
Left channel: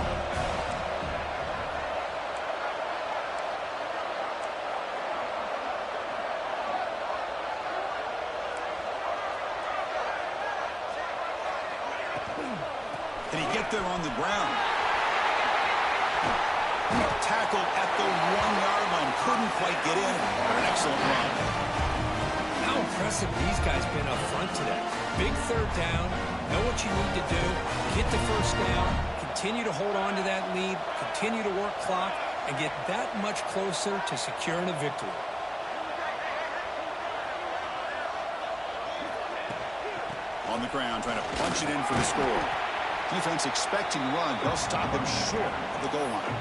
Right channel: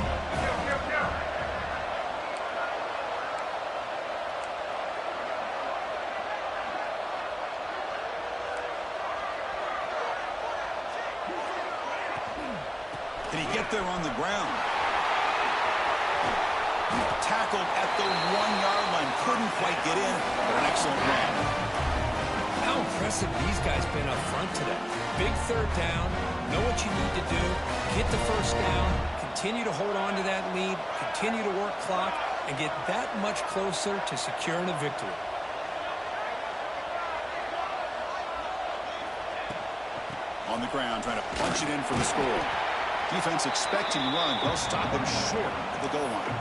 Can he get there on the ground? Tackled at the 1-yard line. Couldn't quite get in, but an excellent run. How impressive these guys been up front today. Big 3rd down. Know what you need to do. Get the 1st down. Continue to hold on to that lead. Continue to work clock. And get that much closer to securing a victory. On the ground, trying to punch it in for the score. Defense expecting run. They'll stop him short at the goal line.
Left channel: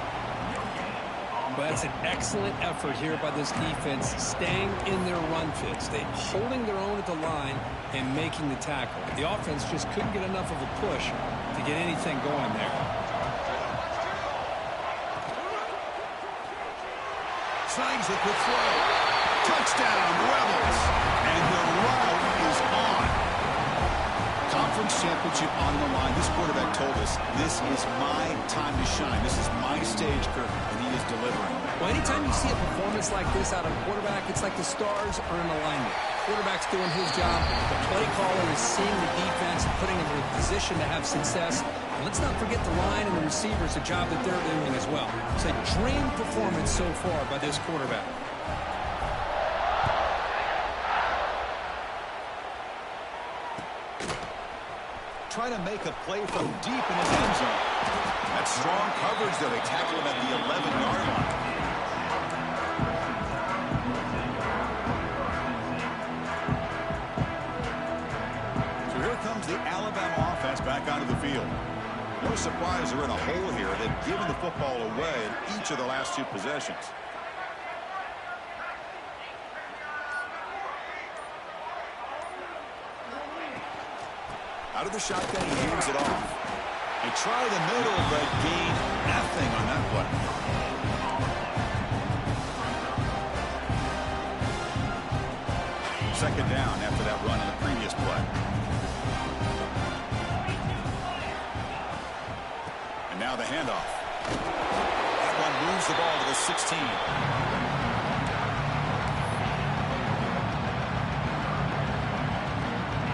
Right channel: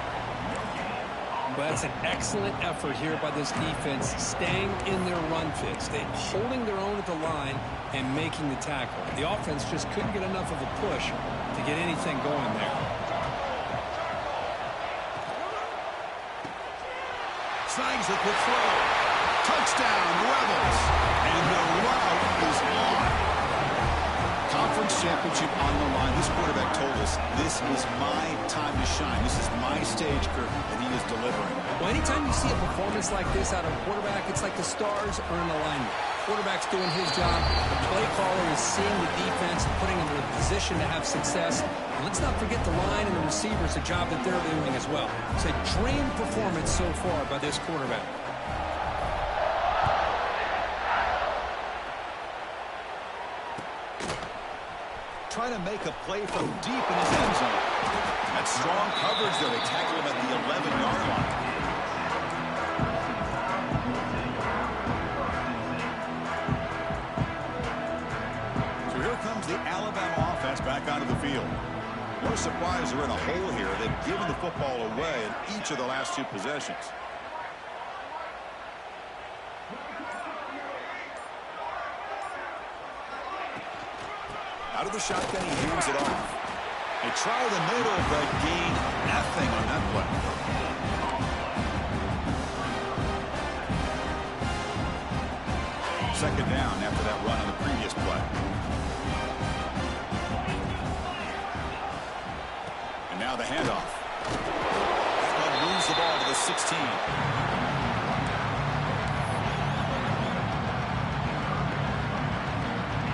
But that's an excellent effort here by this defense, staying in their run fits. They holding their own at the line and making the tackle. The offense just couldn't get enough of a push to get anything going there. Snags the quick throw. Touchdown, Rebels. And the route is on. Conference championship on the line. This quarterback told us, this is my time to shine. This is my stage, Kirk, and he is delivering. Well, anytime you see a performance like this out of a quarterback, it's like the stars are in alignment. Quarterback's doing his job. The play caller is seeing the defense and putting them in a position to have success. And let's not forget the line and the receivers, the job that they're doing as well. It's a dream performance so far by this quarterback. Trying to make a play from deep in his end zone. That's strong coverage there. They tackle him at the 11-yard line. So here comes the Alabama offense back onto the field. No surprise they're in a hole here. They've given the football away in each of the last two possessions. Out of the shotgun, he hands it off. They try the middle, but gain nothing on that play. Second down after that run on the previous play. And now the handoff. That one moves the ball to the 16.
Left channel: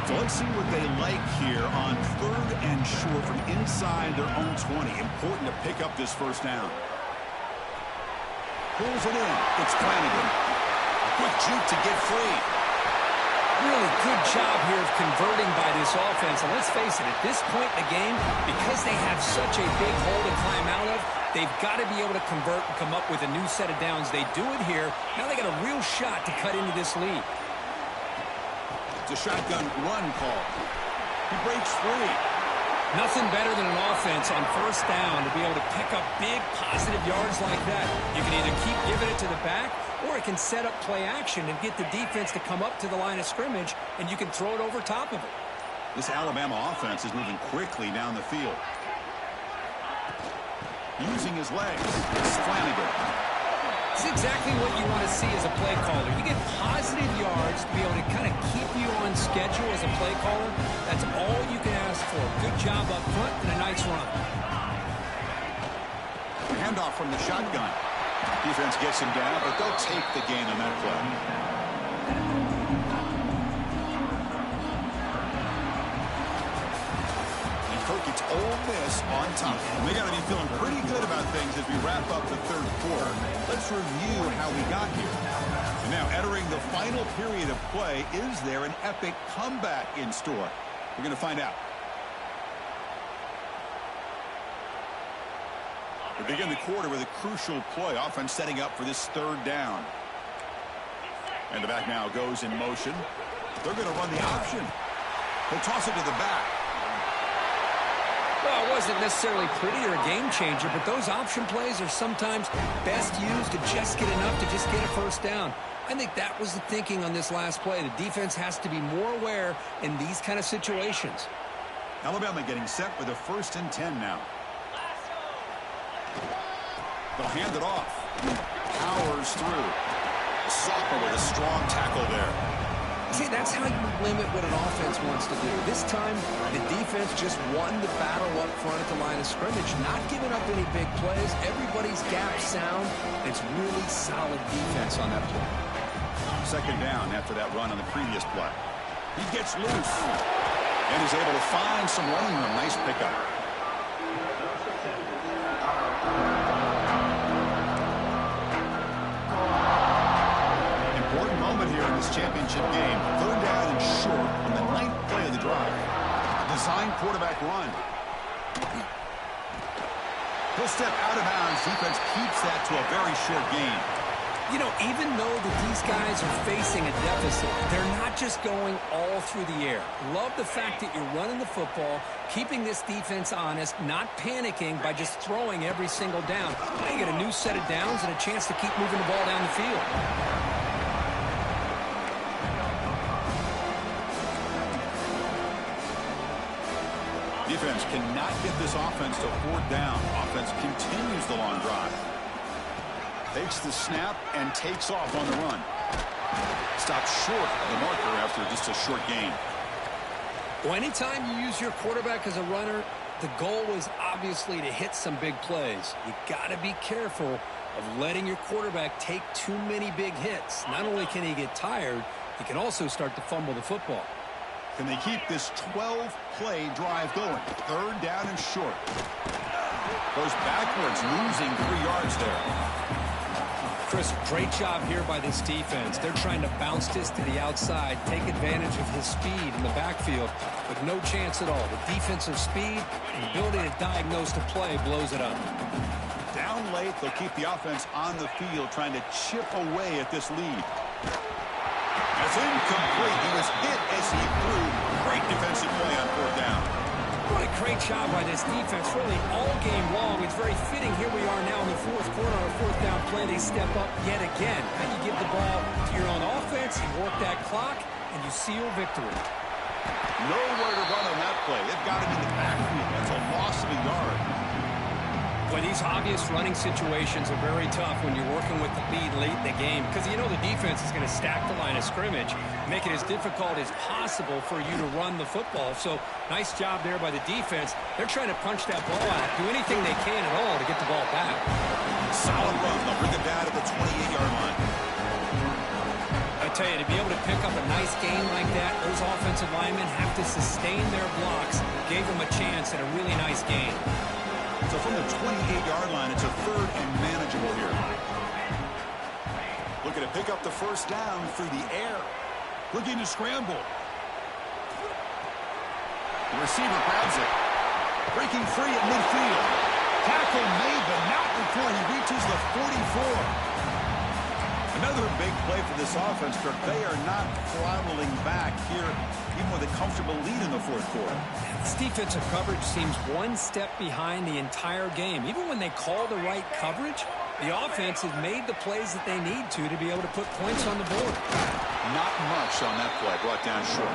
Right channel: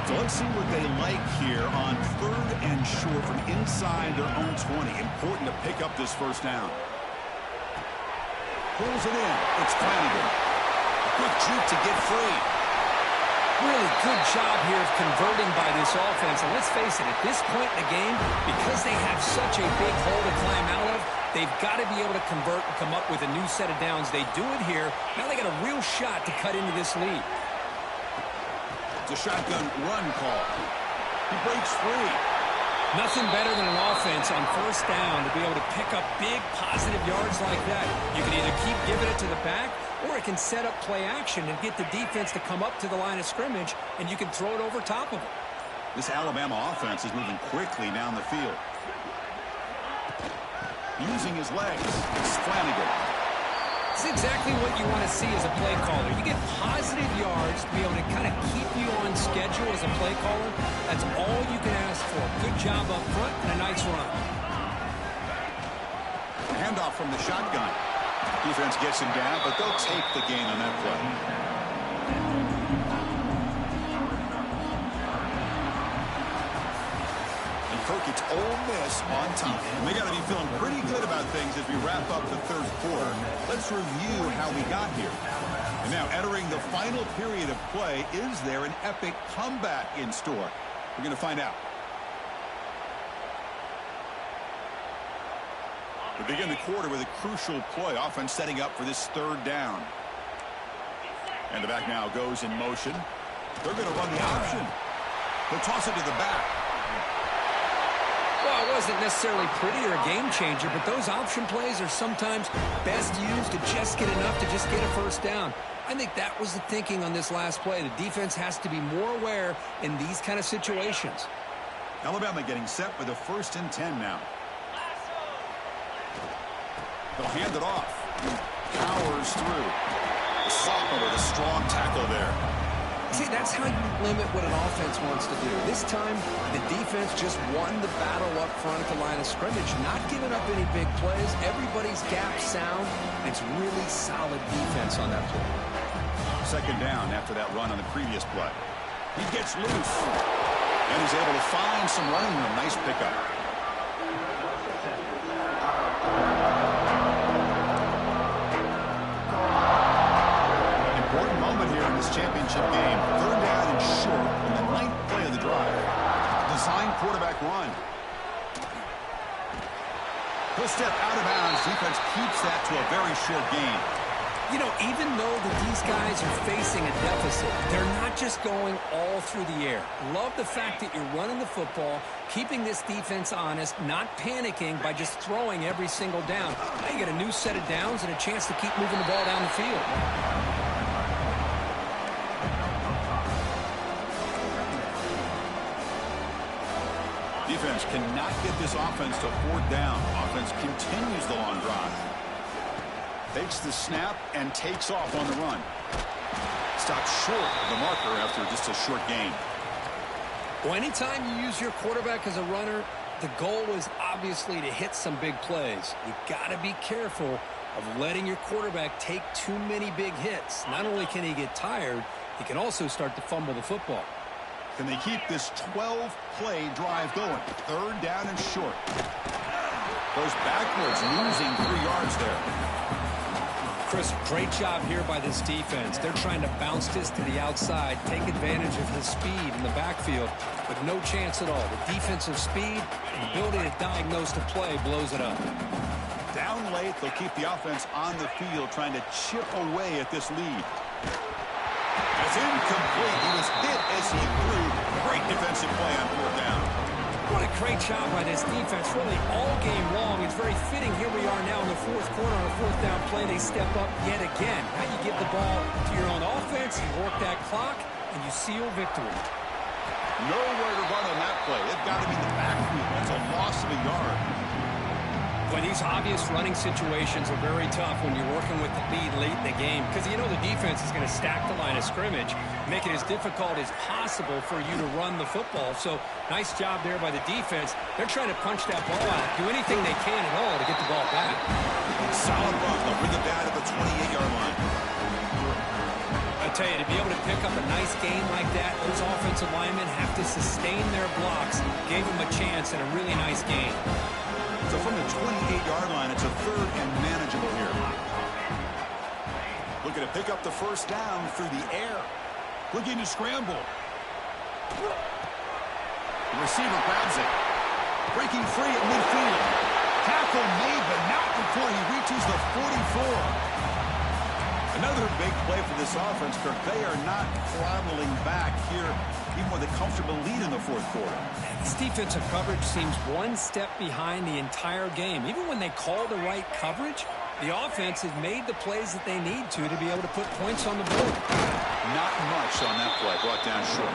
So let's see what they like here on 3rd and short from inside their own 20. Important to pick up this first down. Pulls it in. It's Flanagan. A quick juke to get free. Really good job here of converting by this offense. And let's face it, at this point in the game, because they have such a big hole to climb out of, they've got to be able to convert and come up with a new set of downs. They do it here. Now they got a real shot to cut into this lead. It's a shotgun run call. He breaks free. Nothing better than an offense on first down to be able to pick up big positive yards like that. You can either keep giving it to the back, or it can set up play action and get the defense to come up to the line of scrimmage, and you can throw it over top of them. This Alabama offense is moving quickly down the field. Using his legs, it's Flanagan. It's exactly what you want to see as a play caller. You get positive yards to be able to kind of keep you on schedule as a play caller. That's all you can ask for. Good job up front and a nice run. Handoff from the shotgun. Defense gets him down, but they'll take the gain on that play. Kirk, it's Ole Miss on top. They got to be feeling pretty good about things as we wrap up the third quarter. Let's review how we got here. And now, entering the final period of play, is there an epic comeback in store? We're going to find out. We begin the quarter with a crucial play. Offense setting up for this third down. And the back now goes in motion. They're going to run the option. They'll toss it to the back. Well, it wasn't necessarily pretty or a game changer, but those option plays are sometimes best used to just get enough to just get a first down. I think that was the thinking on this last play. The defense has to be more aware in these kind of situations. Alabama getting set with a 1st and 10 now. They'll hand it off. Powers through. The sophomore with a strong tackle there. See, that's how you limit what an offense wants to do. This time, the defense just won the battle up front at the line of scrimmage, not giving up any big plays. Everybody's gap sound. It's really solid defense on that play. Second down after that run on the previous play. He gets loose. And he's able to find some running room. Nice pickup. Important moment here in this championship game. 3rd down and short on the 9th play of the drive. Design quarterback run. He'll step out of bounds. Defense keeps that to a very short gain. You know, even though that these guys are facing a deficit, they're not just going all through the air. Love the fact that you're running the football, keeping this defense honest, not panicking by just throwing every single down. Now you get a new set of downs and a chance to keep moving the ball down the field. Defense cannot get this offense to 4th down. Offense continues the long drive. Takes the snap and takes off on the run. Stops short of the marker after just a short gain. Well, anytime you use your quarterback as a runner, the goal is obviously to hit some big plays. You got to be careful of letting your quarterback take too many big hits. Not only can he get tired, he can also start to fumble the football. Can they keep this 12-play drive going? Third down and short. Goes backwards, losing 3 yards there. Chris, great job here by this defense. They're trying to bounce this to the outside, take advantage of his speed in the backfield, but no chance at all. The defensive speed and ability to diagnose the play blows it up. Down late, they'll keep the offense on the field, trying to chip away at this lead. That's incomplete. He was hit as he threw. Great defensive play on 4th down. What a great job by this defense, really all game long. It's very fitting. Here we are now in the 4th quarter on a 4th down play. They step up yet again. Now you give the ball to your own offense, you work that clock, and you seal victory. Nowhere to run on that play. They've got to be in the backfield. That's a loss of a yard. Well, these obvious running situations are very tough when you're working with the lead late in the game because you know the defense is going to stack the line of scrimmage, make it as difficult as possible for you to run the football. So nice job there by the defense. They're trying to punch that ball out, do anything they can at all to get the ball back. Solid run. They'll bring it down to the 28-yard line. I tell you, to be able to pick up a nice gain like that, those offensive linemen have to sustain their blocks. Gave them a chance at a really nice gain. So from the 28-yard line, it's a 3rd and manageable here. Looking to pick up the 1st down through the air. Looking to scramble. The receiver grabs it. Breaking free at midfield. Tackle made, but not before he reaches the 44. Another big play for this offense, Kirk. They are not throttling back here, even with a comfortable lead in the 4th quarter. This defensive coverage seems one step behind the entire game. Even when they call the right coverage, the offense has made the plays that they need to be able to put points on the board. Not much on that play, brought down short.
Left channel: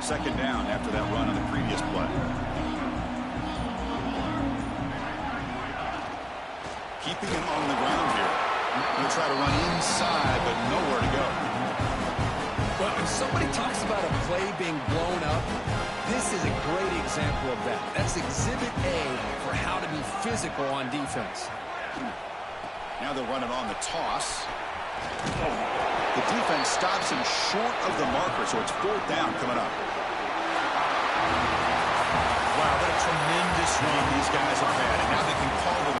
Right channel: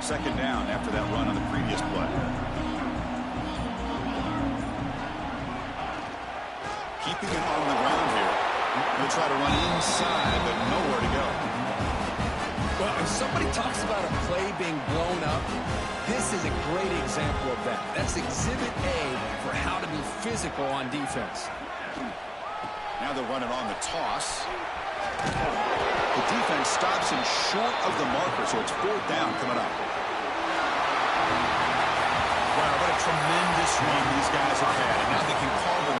Second down after that run on the previous play. Keeping it on the ground here. Going to try to run inside, but nowhere to go. Well, if somebody talks about a play being blown up, this is a great example of that. That's exhibit A for how to be physical on defense. Now they'll run it on the toss. The defense stops him short of the marker, so it's 4th down coming up. Wow, what a tremendous run these guys have had, and now they can call it